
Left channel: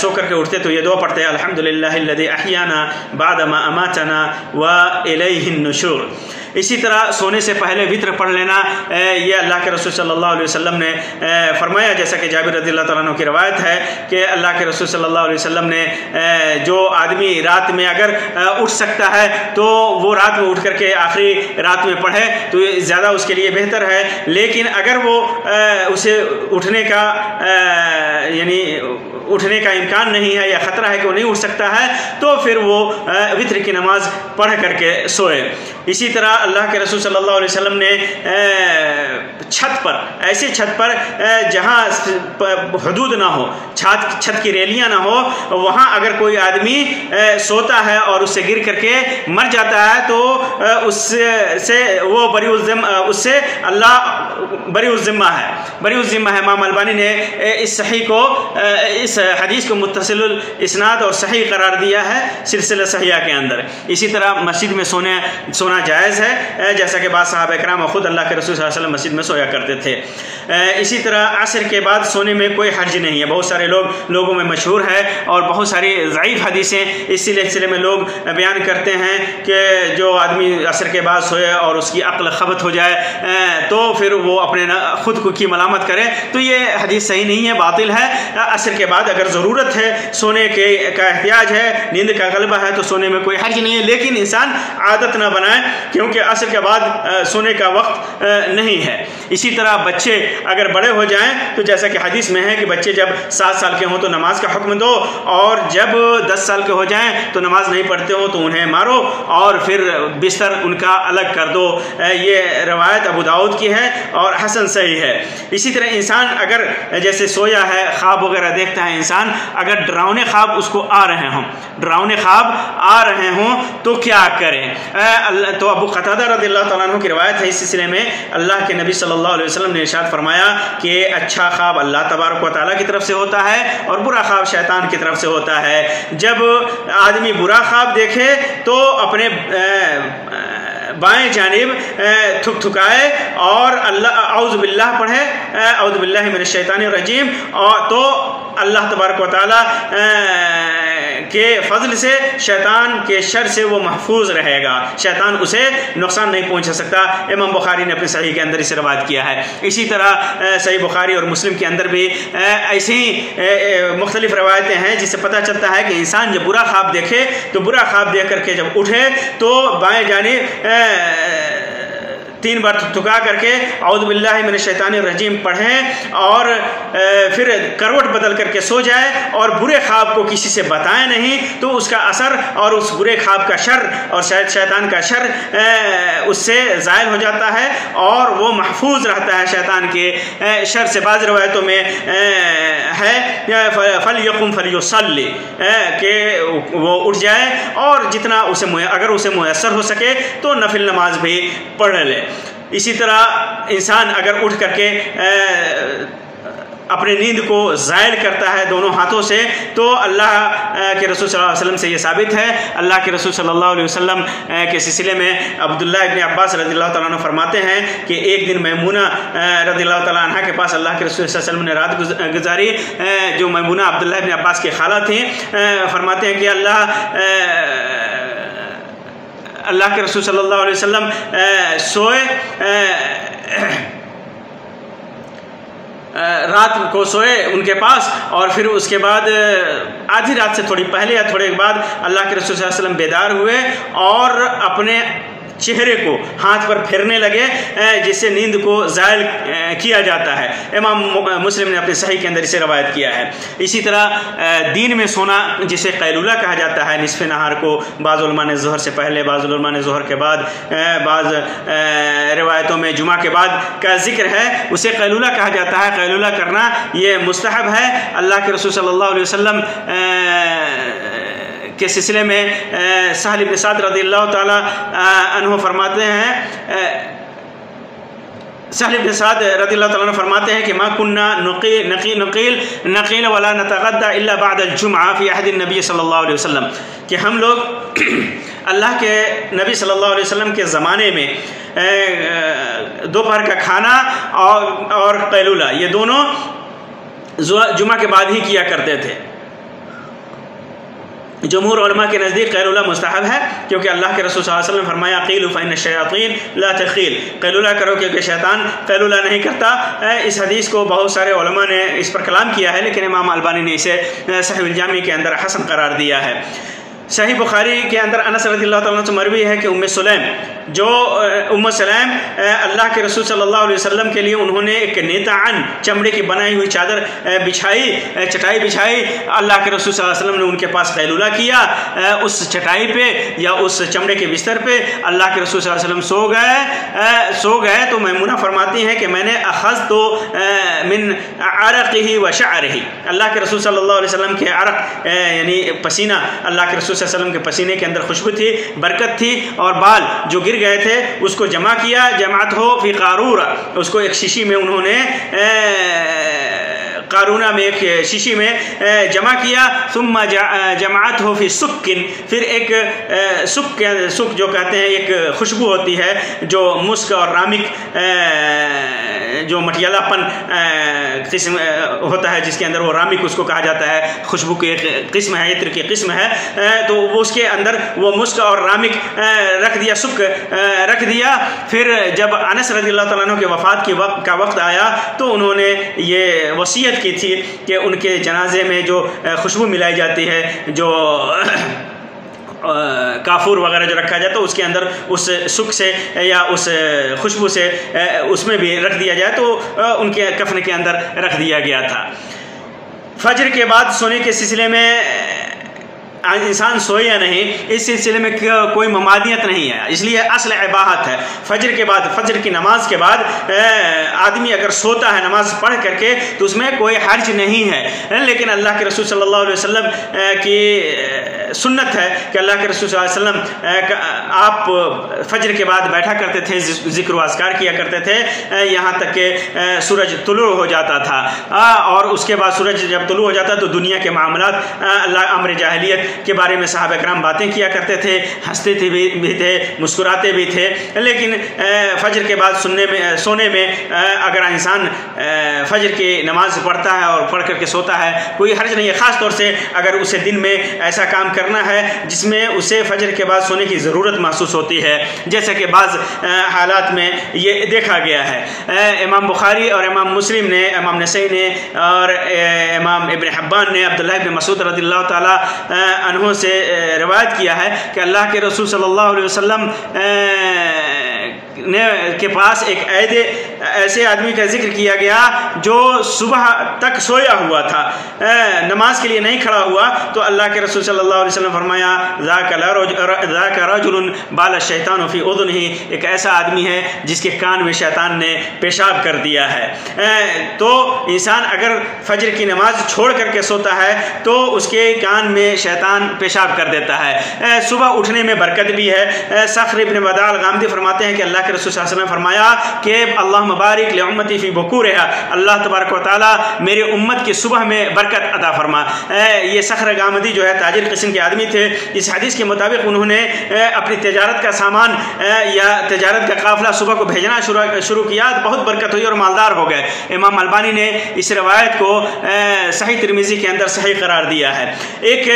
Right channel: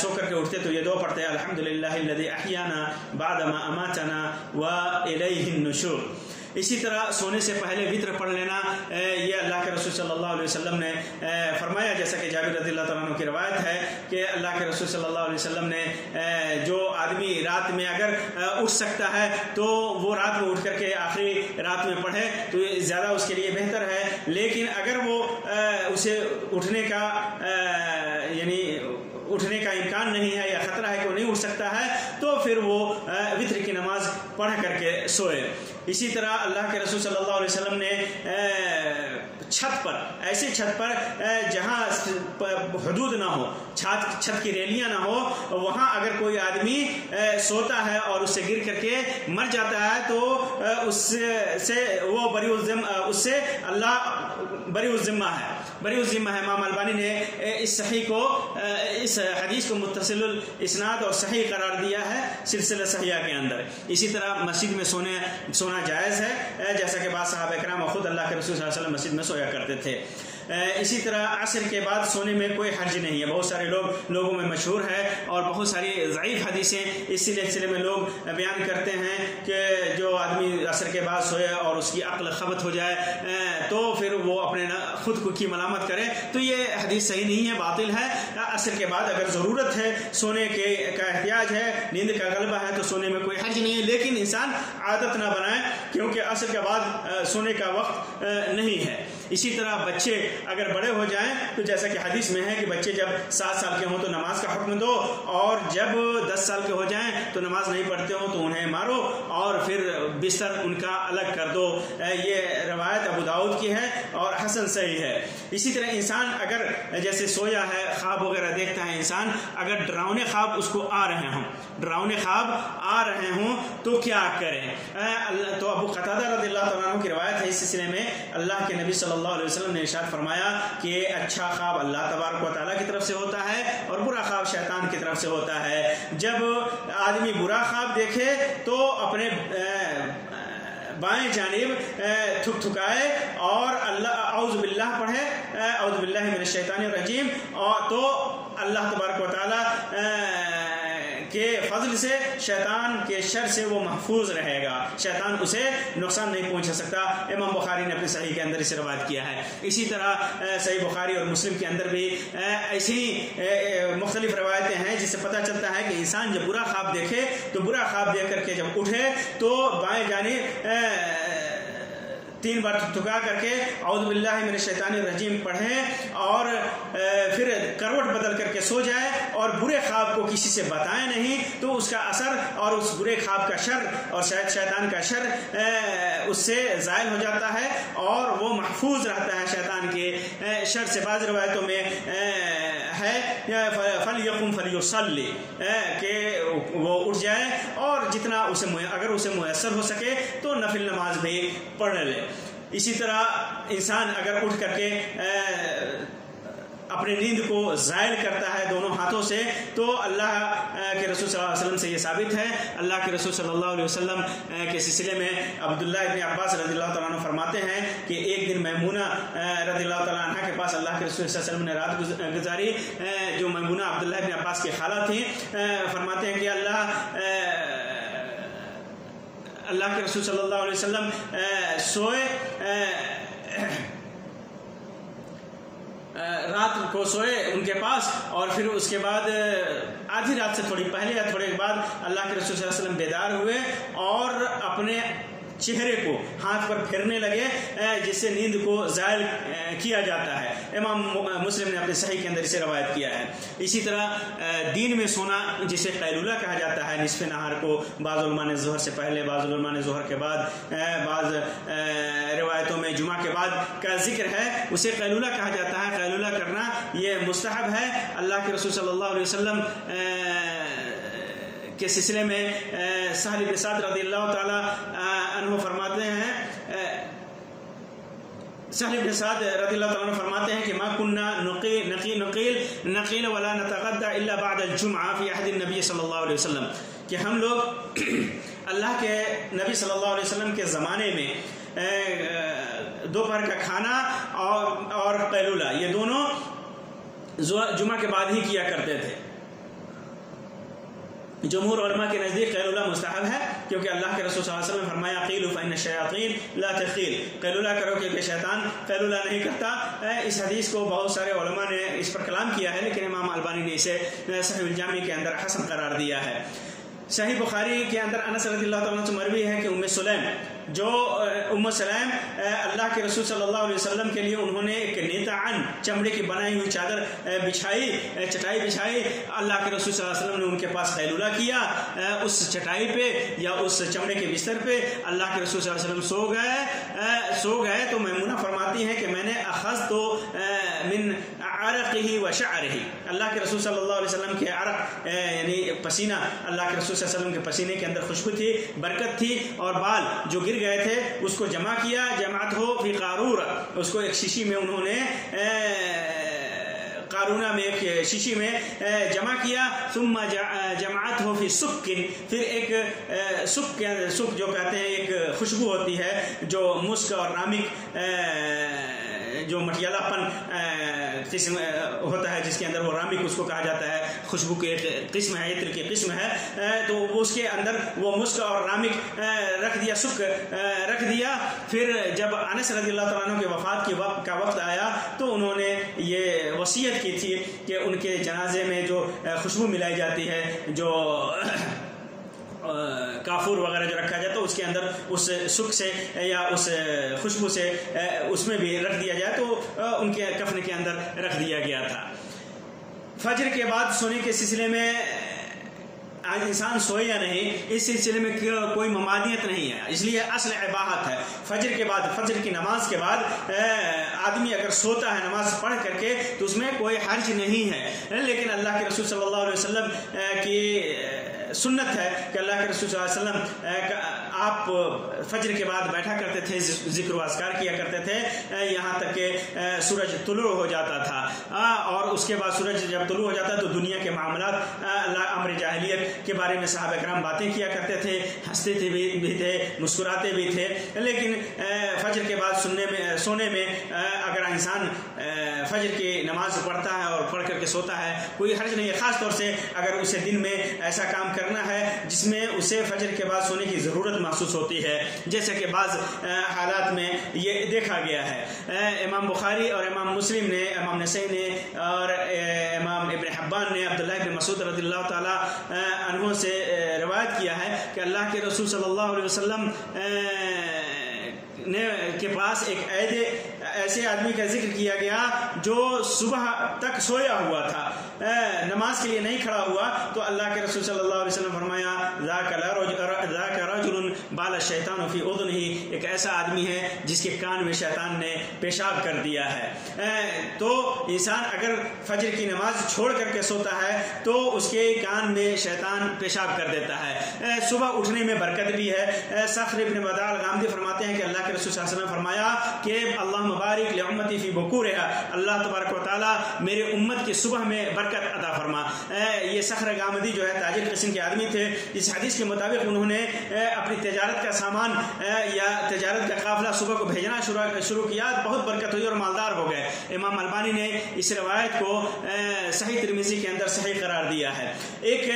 سو کر کے اٹھتے تو یہ دعا پڑھتے ہیں الحمدللہ الذی احیانا بعد ما اماتنا والیہ النشور۔ اسی طرح سونے سے پہلے وطر پڑھ لینا، یہ اللہ کے رسول صلی اللہ علیہ وسلم نے فرمایا، جیسا کہ جابر رضی اللہ تعالیٰ عنہ کی روایت ہے کہ اللہ کے رسول صلی اللہ علیہ وسلم نے جو آدمی رات میں اگر اٹھ سکتا ہے تو وہ رات میں اٹھ کر کے آخری رات میں پڑھے تو زیادہ اس کے لیے بہتر ہے، لیکن اگر وہ اسے اٹھنے کا امکان نہیں ہے یا خطرہ ہے کہ وہ نہیں اٹھ سکتا ہے تو پھر وہ وطر کی نماز پڑھ کر کے سوئے۔ اسی طرح اللہ کے رسول صلی اللہ علیہ وسلم نے چھت پر، ایسے چھت پر جہاں حدود نہ ہو، چھت کی ریلیاں نہ ہو، وہاں اگر کوئی آدمی سوتا ہے اور اس سے گر کر کے مر جاتا ہے تو اس سے وہ اس سے اللہ بری الذمہ ہے۔ امام البانی نے اس حدیث کو متصل الاسناد اور صحیح قرار دیا ہے سلسلہ صحیحہ کے اندر۔ اسی طرح مسجد میں سونا جائز ہے، جیسا کہ بعض صحابہ کرام خود اللہ کے رسول صلی اللہ علیہ وسلم مسجد میں سویا کرتے تھے۔ اسی طرح عصر کے بعد سونے میں کوئی حرج نہیں ہے، بہت سارے لوگوں میں مشہور ہے اور بہت ساری ضعیف حدیثیں اس سلسلے میں لوگ بیان کرتے ہیں کہ جو آدمی عصر کے بعد سوئے اور اس کی عقل خبت ہو جائے تو پھر وہ اپنے خود کی ملامت کرے، تو یہ حدیث صحیح نہیں ہے، باطل ہے۔ عصر کے بعد اگر ضرورت ہے، سونے کا احتیاج ہے، نیند کا غلبہ ہے تو سونے میں کوئی حرج نہیں ہے، لیکن انسان عادت نہ بنائے کیونکہ عصر کے بعد سونے کا وقت نہیں ہے۔ اسی طرح بچے اگر بڑے ہو جائیں تو جیسا کہ حدیث میں ہے کہ بچے جب 7 سال کے ہوں تو نماز کا حکم دو، اور جب 10 سال کے ہو جائیں تو نماز نہیں پڑھتے ہوں تو انہیں مارو اور پھر بستر ان کا الگ کر دو۔ یہ روایت ابو داؤد کی ہے اور حسن صحیح ہے۔ اسی طرح انسان اگر جیسے سویا ہے، خواب وغیرہ دیکھتا ہے انسان، اگر ڈراؤنے خواب اس کو آ رہے ہوں تو کیا کرے؟ تو ابو قتادہ رضی اللہ تعالیٰ عنہ کی روایت ہے اس سلسلے میں، اللہ کے نبی صلی اللہ علیہ وسلم نے ارشاد فرمایا کہ اچھا خواب اللہ تبارک و تعالیٰ کی طرف سے ہوتا ہے اور برا خواب شیطان کی طرف سے ہوتا ہے۔ جب آدمی برا خواب دیکھے تو اپنے بائیں جانب تھکائے اور اعوذ باللہ پڑھے، اعوذ باللہ من الشیطان الرجیم، اور تو اللہ تبارک و تعالیٰ کے فضل سے شیطان کے شر سے وہ محفوظ رہے گا، شیطان اسے نقصان نہیں پہنچا سکتا۔ امام بخاری نے اپنے صحیح کے اندر اسے روایت کیا ہے۔ اسی طرح صحیح بخاری اور مسلم کے اندر بھی ایسی مختلف روایتیں ہیں جس سے پتہ چلتا ہے کہ انسان جب برا خواب دیکھے تو برا خواب دیکھ کر کے جب اٹھے تو بائیں جانب 3 بار تھکا کر کے اعوذ باللہ من الشیطان الرجیم پڑھیں اور پھر کروٹ بدل کر کے سو جائے اور برے خواب کو کسی سے بتائیں نہیں، تو اس کا اثر اور اس برے خواب کا شر اور شیطان کا شر اس سے زائل ہو جاتا ہے اور وہ محفوظ رہتا ہے شیطان کے شر سے۔ بعض روایتوں میں ہے فَلْيَقُمْ فَلْيُصَلِّ کہ وہ اٹھ جائے اور جتنا اگر اسے میسر ہو سکے تو نفل نماز بھی پڑھ لے۔ اسی طرح انسان اگر اٹھ کر کے اپنے نیند کو زائل کرتا ہے دونوں ہاتھوں سے تو اللہ کے رسول صلی اللہ علیہ وسلم سے یہ ثابت ہے۔ اللہ کے رسول صلی اللہ علیہ وسلم کے سلسلے میں عبداللہ ابن عباس رضی اللہ تعالیٰ عنہ فرماتے ہیں کہ ایک دن میمونہ رضی اللہ تعالیٰ عنہ کے پاس اللہ کے رسول صلی اللہ علیہ وسلم نے رات گزاری، جو میمونہ عبداللہ ابن عباس کی خالہ تھیں، فرماتے ہیں کہ اللہ کے رسول صلی اللہ علیہ وسلم رات کو سوئے ان کے پاس، اور پھر اس کے بعد آدھی رات سے تھوڑی پہلے یا تھوڑے بعد اللہ کے رسول صلی اللہ علیہ وسلم بیدار ہوئے اور اپنے چہرے کو ہاتھ پر پھیرنے لگے جس سے نیند کو زائل کیا جاتا ہے۔ امام مسلم نے اپنے صحیح کے اندر اسے روایت کیا ہے۔ اسی طرح دین میں سونا جسے قیلولہ کہا جاتا ہے، نصف نہار کو بعض علماء نے ظہر سے پہلے، بعض علماء نے ظہر کے بعد، بعض روایتوں میں جمعہ کے بعد کا ذکر ہے، اسے قیلولہ کہا جاتا ہے۔ قیلولہ کرنا یہ مستحب ہے۔ اللہ کے رسول صلی اللہ علیہ وسلم کے سلسلے میں سہل بن سعد رضی اللہ تعالی عنہ فرماتے ہیں، سہل بن سعد رضی اللہ تعالیٰ عنہ فرماتے ہیں کہ ما كنا نقیل ولا نتغدى الا بعد الجمعہ فی عہد النبی صلی اللہ علیہ وسلم، کہ ہم لوگ اللہ کے نبی صلی اللہ علیہ وسلم کے زمانے میں دوپہر کا کھانا اور قیلولہ یہ دونوں جمعہ کے بعد ہی کیا کرتے تھے۔ جمہور علماء کے نزدیک قیلولہ مستحب ہے، کیونکہ اللہ کے رسول صلی اللہ علیہ وسلم فرمایا قیلوا فإن الشیاطین لا تقیل، قیلولہ کرو کیونکہ شیطان قیلولہ نہیں کرتا۔ اس حدیث کو بہت سارے علماء نے اس پر کلام کیا ہے، لیکن امام البانی نے اسے صحیح الجامع کے اندر حسن قرار دیا ہے۔ صحیح بخاری کے اندر انس رضی اللہ تعالیٰ عنہ سے مروی ہے کہ ام سلیم اللہ کے رسول صلی اللہ علیہ وسلم کے لیے انہوں نے ایک نیتعن چمڑے کی بنائی ہوئی چادر چٹائی بچھائی۔ اللہ کے رسول صلی اللہ علیہ وسلم نے ان کے پاس قیلولہ کیا اس چٹائی پہ یا اس چمڑے کے بستر پہ۔ اللہ کے رسول صلی اللہ علیہ وسلم سو گئے تو میمونہ فرماتی ہیں کہ میں نے اخذت من عرقہ و شعرہ، اللہ کے رسول صلی اللہ علیہ وسلم کے عرق یعنی پسینہ، اللہ کے رسول صلی اللہ علیہ وسلم کے پسینے کے اندر خوشبو تھی، برکت تھی، اور بال جو گر گئے تھے اس کو جمع کیا، جمعت ہو فی قارورہ، اس کو ایک شیشی میں انہوں نے قارونہ میں ایک شیشی میں جمع کیا، ثم جمعت ہو فی سکن، پھر ایک سک جو کہتے ہیں ایک خوشبو ہوتی ہے جو مسک اور رامک جو مٹیالہ پن قسم ہوتا ہے جس کے اندر وہ رامک اس کو کہا جاتا ہے، خوشبو کی ایک قسم ہے، عطر کی قسم ہے، تو اس کے اندر وہ مسک اور رامک رکھ دیا، سک رکھ دیا۔ پھر جب انس رضی اللہ تعالیٰ عنہ کے وفات کا وقت آیا تو انہوں نے یہ وصیت کی تھی کہ ان کے جنازے میں جو خوشبو ملائی جاتی ہے، جو کافور وغیرہ جو رکھا جاتا ہے اس کے اندر اس سک سے یا اس خوشبو سے اس میں بھی رکھ دیا جائے، تو ان کے کفن کے اندر رکھ دیا گیا تھا۔ فجر کے بعد سونے کے سلسلے میں انسان سوئے یا نہیں، اس سلسلے میں کوئی ممانعت نہیں ہے، اس لیے اصل اباحت ہے۔ فجر کے بعد، فجر کی نماز کے بعد آدمی اگر سوتا ہے نماز پڑھ کر کے تو اس میں کوئی حرج نہیں ہے، لیکن اللہ کے رسول صلی اللہ علیہ وسلم کی سنت ہے کہ اللہ کے رسول صلی اللہ علیہ وسلم آپ فجر کے بعد بیٹھا کرتے تھے، ذکر و اذکار کیا کرتے تھے یہاں تک کہ سورج طلوع ہو جاتا تھا، اور اس کے بعد سورج جب طلوع ہو جاتا تو دنیا کے معاملات، اللہ امر جاہلیت کے بارے میں صحابہ کرام باتیں کیا کرتے تھے، ہنستے بھی تھے، مسکراتے بھی تھے، لیکن فجر کے بعد سونے میں اگر انسان فجر کی نماز پڑھتا ہے اور پڑھ کر کے سوتا ہے کوئی حرج نہیں ہے، خاص طور سے اگر اسے دن میں ایسا کام کرنا ہے جس میں اسے فجر کے بعد سونے کی ضرورت محسوس ہوتی ہے، جیسا کہ بعض حالات میں یہ دیکھا گیا ہے۔ امام بخاری اور امام مسلم نے، امام نسائی نے اور امام ابن حبان نے عبداللہ ابن مسعود رضی اللہ تعالی عنہ سے روایت کیا ہے کہ اللہ کے رسول صلی اللہ علیہ وسلم کے پاس ایک ایسے آدمی کا ذکر کیا گیا جو صبح تک سویا ہوا تھا، نماز کے لیے نہیں کھڑا ہوا، تو اللہ کے رسول صلی اللہ علیہ وسلم فرمایا ذاک رجل بال الشیطان فی اذنہ، ایک ایسا آدمی ہے جس کے کان میں شیطان نے پیشاب کر دیا ہے۔ تو انسان اگر فجر کی نماز چھوڑ کر کے سوتا ہے تو اس کے کان میں شیطان پیشاب کر دیتا ہے۔ صبح اٹھنے میں برکت بھی ہے۔ صخر ابن بدال الغامدی فرماتے ہیں کہ اللہ کے رسول صلی اللہ علیہ وسلم فرمایا کہ اللہ مبارک لامتی فی بکورہا، اللہ تبارک و تعالی میرے امت کی صبح میں برکت عطا فرما۔ یہ صخر غامدی جو ہے تاجر قسم کے آدمی تھے، اس حدیث کے مطابق انہوں نے اپنی تجارت کا سامان یا تجارت کا قافلہ صبح کو بھیجنا شروع کیا، بہت برکت ہوئی اور مالدار ہو گئے۔ امام البانی نے اس روایت کو صحیح ترمذی کے اندر صحیح قرار دیا ہے۔ ایک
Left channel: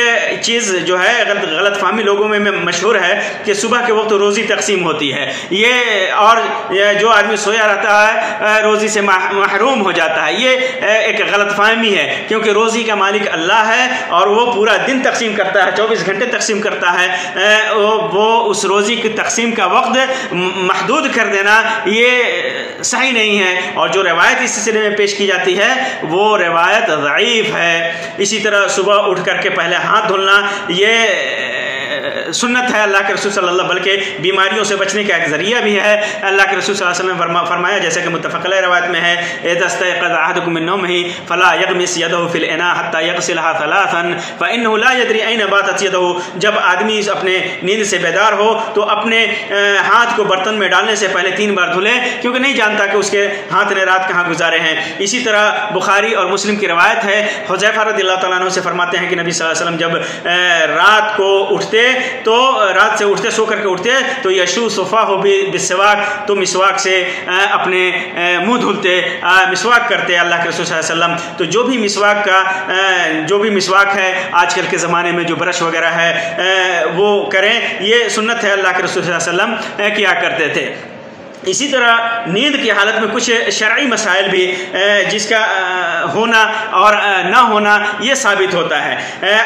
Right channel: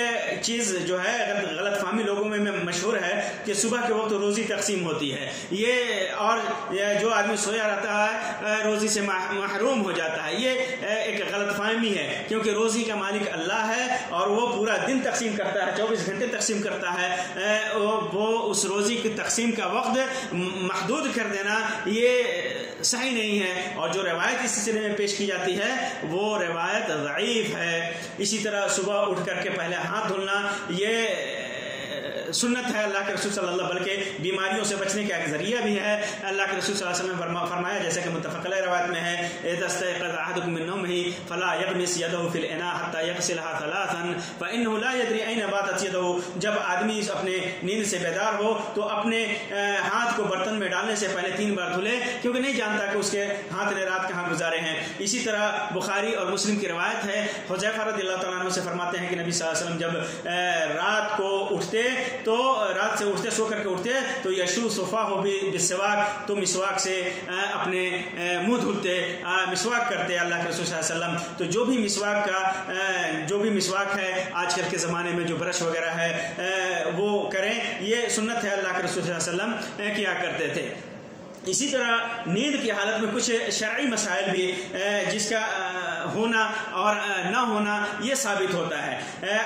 چیز جو ہے غلط فہمی لوگوں میں مشہور ہے کہ صبح کے وقت روزی تقسیم ہوتی ہے، اور جو آدمی سویا رہتا ہے روزی سے محروم ہو جاتا ہے، یہ ایک غلط فہمی ہے، کیونکہ روزی کا مالک اللہ ہے اور وہ پورا دن تقسیم کرتا ہے، 24 گھنٹے تقسیم کرتا ہے۔ وہ اس روزی کی تقسیم کا وقت محدود کر دینا یہ صحیح نہیں ہے، اور جو روایت اس سلسلے میں پیش کی جاتی ہے وہ روایت ضعیف ہے۔ اسی طرح صبح اٹھ کر کے پہلے ہاتھ دھلنا یہ سنت ہے اللہ کے رسول صلی اللہ، بلکہ بیماریوں سے بچنے کا ایک ذریعہ بھی ہے۔ اللہ کے رسول صلی اللہ علیہ وسلم نے فرمایا، جیسے کہ متفق علیہ روایت میں ہے، اذا استيقظ احدكم من نومه فلا يغمس يده في الاناء حتى يغسلها ثلاثا فانه لا يدري اين باتت يده، جب آدمی اپنے نیند سے بیدار ہو تو اپنے ہاتھ کو برتن میں ڈالنے سے پہلے 3 بار دھلے، کیونکہ نہیں جانتا کہ اس کے ہاتھ نے رات کہاں گزارے ہیں۔ اسی طرح بخاری اور مسلم کی روایت ہے، حذیفہ رضی اللہ تعالیٰ عنہ سے فرماتے ہیں کہ نبی صلی اللہ علیہ وسلم جب رات کو اٹھتے تو رات سے اٹھتے، سو کر کے اٹھتے تو یشو صفاہ بالسواک، تو مسواک سے اپنے منہ دھلتے، مسواک کرتے اللہ کے رسول صلی اللہ علیہ وسلم۔ تو جو بھی مسواک ہے آج کل کے زمانے میں جو برش وغیرہ ہے وہ کریں، یہ سنت ہے، اللہ کے رسول صلی اللہ علیہ وسلم کیا کرتے تھے۔ اسی طرح نیند کی حالت میں کچھ شرعی مسائل بھی جس کا ہونا اور نہ ہونا یہ ثابت ہوتا ہے۔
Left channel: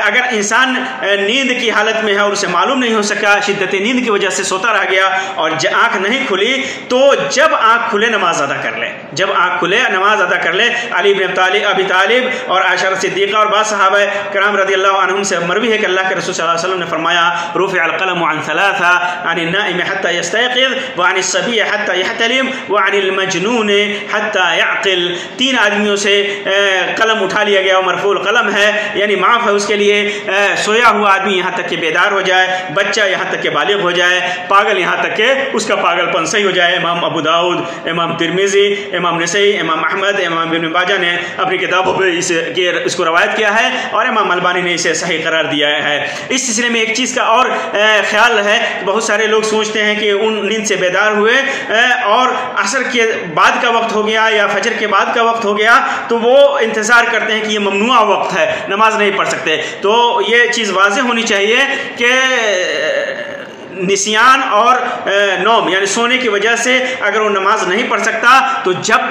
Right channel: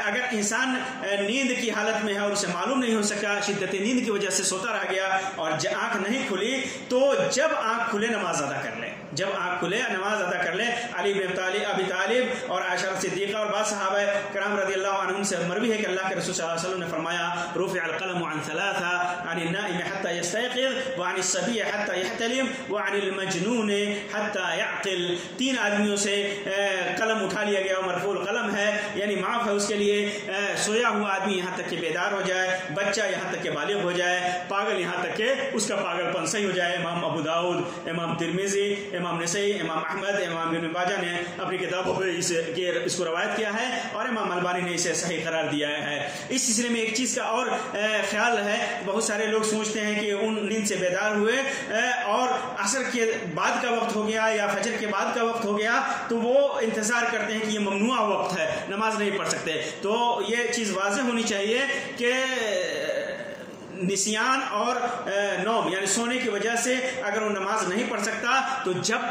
اگر انسان نیند کی حالت میں ہے اور اسے معلوم نہیں ہو سکا، شدت نیند کی وجہ سے سوتا رہ گیا اور آنکھ نہیں کھلی، تو جب آنکھ کھلے نماز ادا کر لے، جب آنکھ کھلے نماز ادا کر لے۔ علی بن ابی طالب اور عائشہ صدیقہ اور بعض صحابہ کرام رضی اللہ عنہم سے مروی ہے کہ اللہ کے رسول صلی اللہ علیہ وسلم نے فرمایا، رفع القلم عن ثلاثة، عن النائم حتى يستيقظ، وعن الصبي حتى يحتلم، وعن المجنون حتى يعقل۔ 3 آدمیوں سے قلم اٹھا لیا گیا، مرفوع القلم ہے، یعنی معاف ہے اس کے لیے، سویا ہوا آدمی یہاں تک کہ بیدار ہو جائے، بچہ یہاں تک کہ بالغ ہو جائے، پاگل یہاں تک کہ اس کا پاگل پن صحیح ہو جائے۔ امام ابو داؤد، امام ترمذی، امام نسائی، امام احمد، امام ابن ماجہ نے اپنی کتابوں پہ اس کو روایت کیا ہے، اور امام البانی نے اسے صحیح قرار دیا ہے۔ اس سلسلے میں ایک چیز کا اور خیال ہے، بہت سارے لوگ سوچتے ہیں کہ ان نیند سے بیدار ہوئے اور عصر کے بعد کا وقت ہو گیا یا فجر کے بعد کا وقت ہو گیا تو وہ انتظار کرتے ہیں کہ یہ ممنوع وقت ہے، نماز نہیں پڑھ سکتے۔ تو یہ چیز واضح ہونی چاہیے کہ نسیان اور نوم یعنی سونے کی وجہ سے اگر وہ نماز نہیں پڑھ سکتا تو جب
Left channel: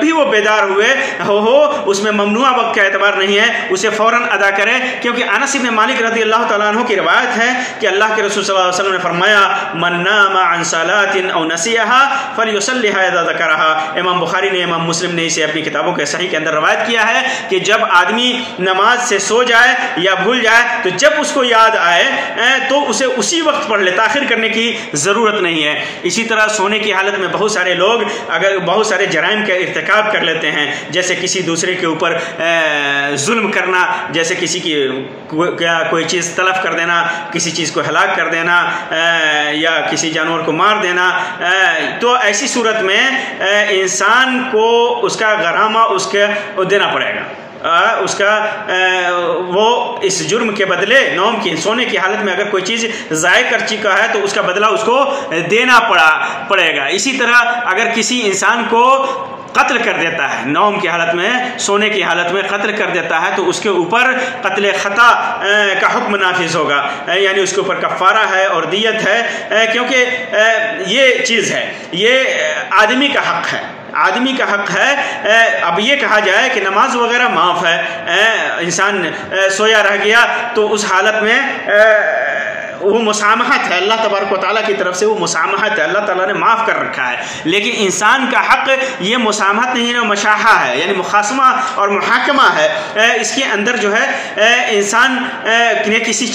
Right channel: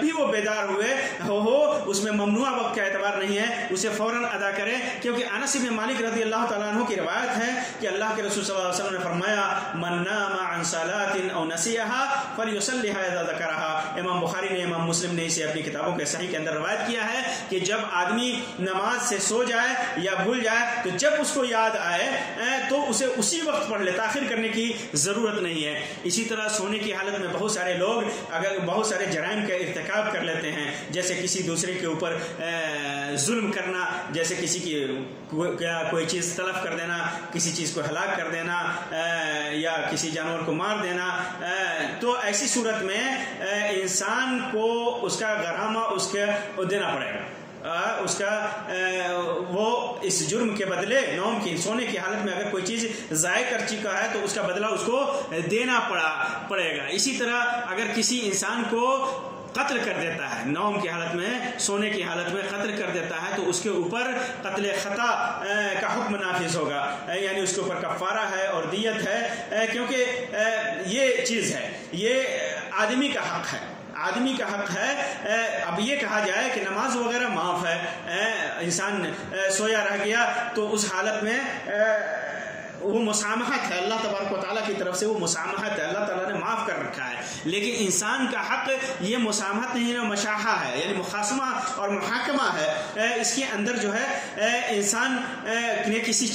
بھی وہ بیدار ہوئے ہو اس میں ممنوع وقت کا اعتبار نہیں ہے، اسے فوراً ادا کرے، کیونکہ انس بن مالک رضی اللہ تعالیٰ عنہ کی روایت ہے کہ اللہ کے رسول صلی اللہ علیہ وسلم نے فرمایا، من نام عن صلاة او نسیها فلیصلیها اذا ذکرها۔ امام بخاری نے، امام مسلم نے اسے اپنی کتابوں کے صحیح کے اندر روایت کیا ہے کہ جب آدمی نماز سے سو جائے یا بھول جائے تو جب اس کو یاد آئے تو اسے اسی وقت پڑھ لے، تاخیر کرنے کی ضرورت نہیں ہے۔ اسی طرح سونے کی حالت میں بہت سارے لوگ اگر بہت سارے جرائم کا ارتکاب کر لیتے ہیں، جیسے کسی دوسرے کے اوپر ظلم کرنا، جیسے کسی کی کوئی چیز تلف کر دینا، کسی چیز کو ہلاک کر دینا یا کسی جانور کو مار دینا، تو ایسی صورت میں انسان کو اس کا غرامہ اس کے دینا پڑے گا۔ اس کا وہ اس جرم کے بدلے نوم کی سونے کی حالت میں اگر کوئی چیز ضائع کر چکا ہے تو اس کا بدلہ اس کو دینا پڑے گا۔ اسی طرح اگر کسی انسان کو قتل کر دیتا ہے نوم کی حالت میں، سونے کی حالت میں قتل کر دیتا ہے تو اس کے اوپر قتل خطا کا حکم نافذ ہوگا، یعنی اس کے اوپر کفارہ ہے اور دیت ہے، کیونکہ یہ چیز ہے، یہ آدمی کا حق ہے، آدمی کا حق ہے۔ اب یہ کہا جائے کہ نماز وغیرہ معاف ہے، انسان سویا رہ گیا تو اس حالت میں وہ مسامحت ہے، اللہ تبارک و تعالیٰ کی طرف سے وہ مسامحت ہے، اللہ تعالیٰ نے معاف کر رکھا ہے۔ لیکن انسان کا حق یہ مسامحت نہیں ہے، مشاحہ ہے، یعنی مخاصمہ اور محاکمہ ہے۔ اس کے اندر جو ہے انسان نے کسی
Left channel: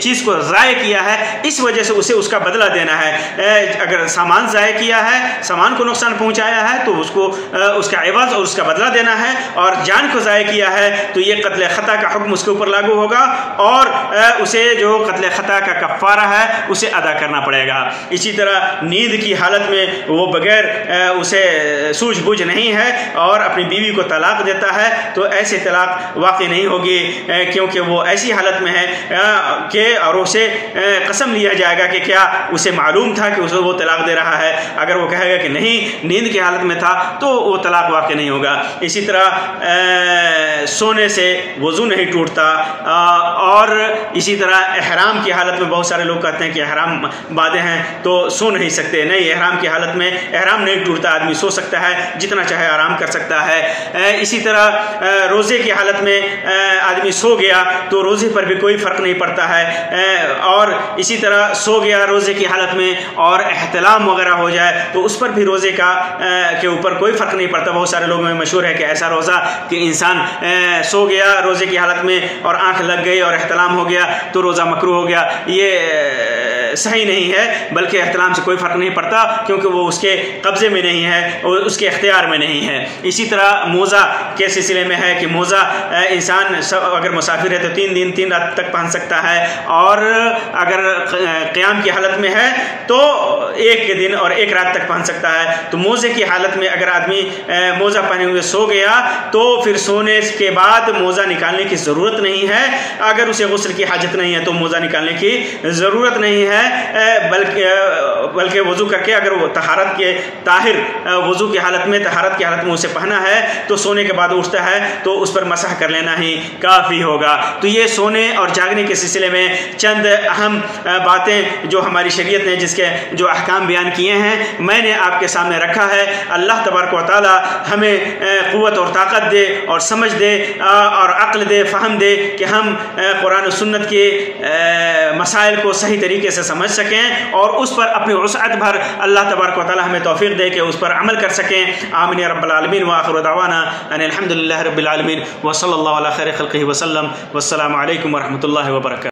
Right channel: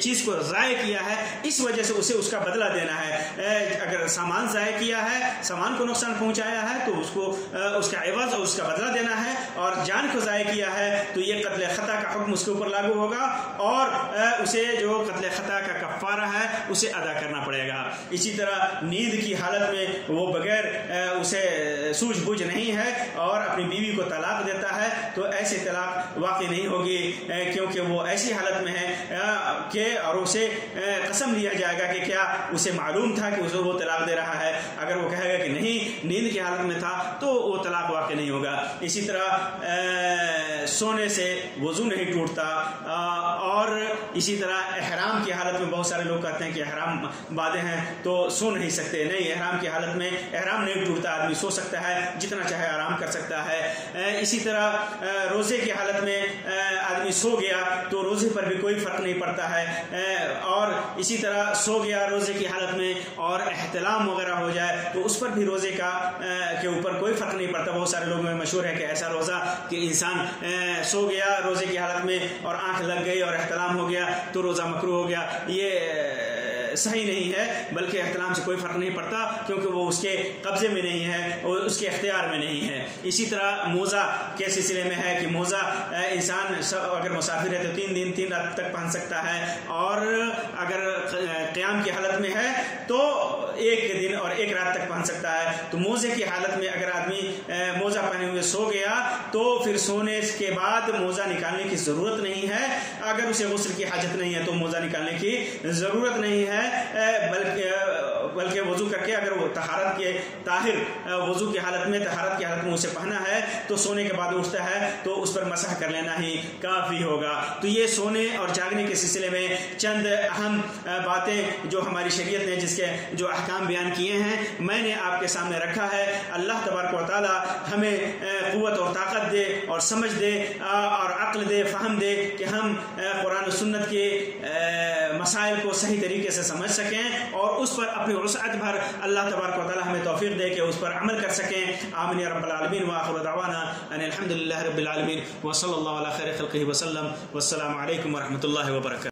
چیز کو ضائع کیا ہے، اس وجہ سے اسے اس کا بدلہ دینا ہے۔ اگر سامان ضائع کیا ہے، سامان کو نقصان پہنچایا ہے تو اس کو اس کا عوض اور اس کا بدلہ دینا ہے، اور جان کو ضائع کیا ہے تو یہ قتل خطا کا حکم اس کے اوپر لاگو ہوگا، اور اسے جو قتل خطا کا کفارہ ہے اسے ادا کرنا پڑے گا۔ اسی طرح نیند کی حالت میں وہ بغیر اسے سوجھ بوجھ نہیں ہے اور اپنی بیوی کو طلاق دیتا ہے تو ایسے طلاق واقع نہیں ہوگی، کیونکہ وہ ایسی حالت میں ہے کہ اور اسے قسم لیا جائے گا کہ کیا اسے معلوم تھا کہ اسے وہ طلاق دے رہا ہے۔ اگر وہ کہے گا کہ نہیں، نیند کی حالت میں تھا، تو وہ طلاق واقع نہیں ہوگا۔ اسی طرح سونے سے وضو نہیں ٹوٹتا، اور اسی طرح احرام کی حالت میں بہت سارے لوگ کہتے ہیں کہ احرام باندھے ہیں تو سو نہیں سکتے، نہیں، احرام کی حالت میں احرام نہیں ٹوٹتا، آدمی سو سکتا ہے، جتنا چاہے آرام کر سکتا ہے۔ اسی طرح روزے کی حالت میں آدمی سو گیا تو روزے پر بھی کوئی فرق نہیں پڑتا ہے، اور اسی طرح سو گیا روزے کی حالت میں اور احتلام وغیرہ ہو جائے تو اس پر بھی روزے کے اوپر کوئی فرق نہیں پڑتا۔ بہت سارے لوگوں میں مشہور ہے کہ ایسا روزہ کہ انسان سو گیا روزے کی حالت میں اور آنکھ لگ گئی اور احتلام ہو گیا تو روزہ مکروہ ہو گیا، یہ صحیح نہیں ہے، بلکہ احتلام سے کوئی فرق نہیں پڑتا کیونکہ وہ اس کے قبضے میں نہیں ہے، اس کے اختیار میں نہیں ہے۔ اسی طرح موزہ کے سلسلے میں ہے کہ موزہ انسان اگر مسافر ہے تو 3 دن 3 رات تک پہن سکتا ہے، اور اگر قیام کی حالت میں ہے تو 1 دن اور 1 رات تک پہن سکتا ہے۔ تو موزے کی حالت میں اگر آدمی موزہ پہنے ہوئے سو گیا تو پھر سونے کے بعد موزہ نکالنے کی ضرورت نہیں ہے، اگر اسے غسل کی حاجت نہیں ہے تو موزہ نکالنے کی ضرورت نہیں ہے، بلکہ وضو کر کے اگر وہ طہارت کے طاہر وضو کی حالت میں طہارت کی حالت میں اسے پہنا ہے تو سونے کے بعد اٹھتا ہے تو اس پر مسح کر لینا ہی کافی ہوگا۔ تو یہ سونے اور جاگنے کے سلسلے میں چند اہم باتیں جو ہماری شریعت نے جس کے جو احکام بیان کیے ہیں میں نے آپ کے سامنے رکھا ہے۔ اللہ تبارک و تعالی ہمیں قوت اور طاقت دے اور سمجھ دے اور عقل دے، فہم دے کہ ہم قرآن و سنت کے مسائل کو صحیح طریقے سے سمجھ سکیں اور اس پر اپنی وسعت بھر اللہ تبارک و تعالی ہمیں توفیق دے کہ اس پر عمل کر سکیں۔ آمین یا رب العالمین، وآخر دعوانا ان الحمد للہ رب العالمین، وصلی اللہ علی خیر خلقہ وسلم، والسلام علیکم ورحمۃ اللہ وبرکاتہ۔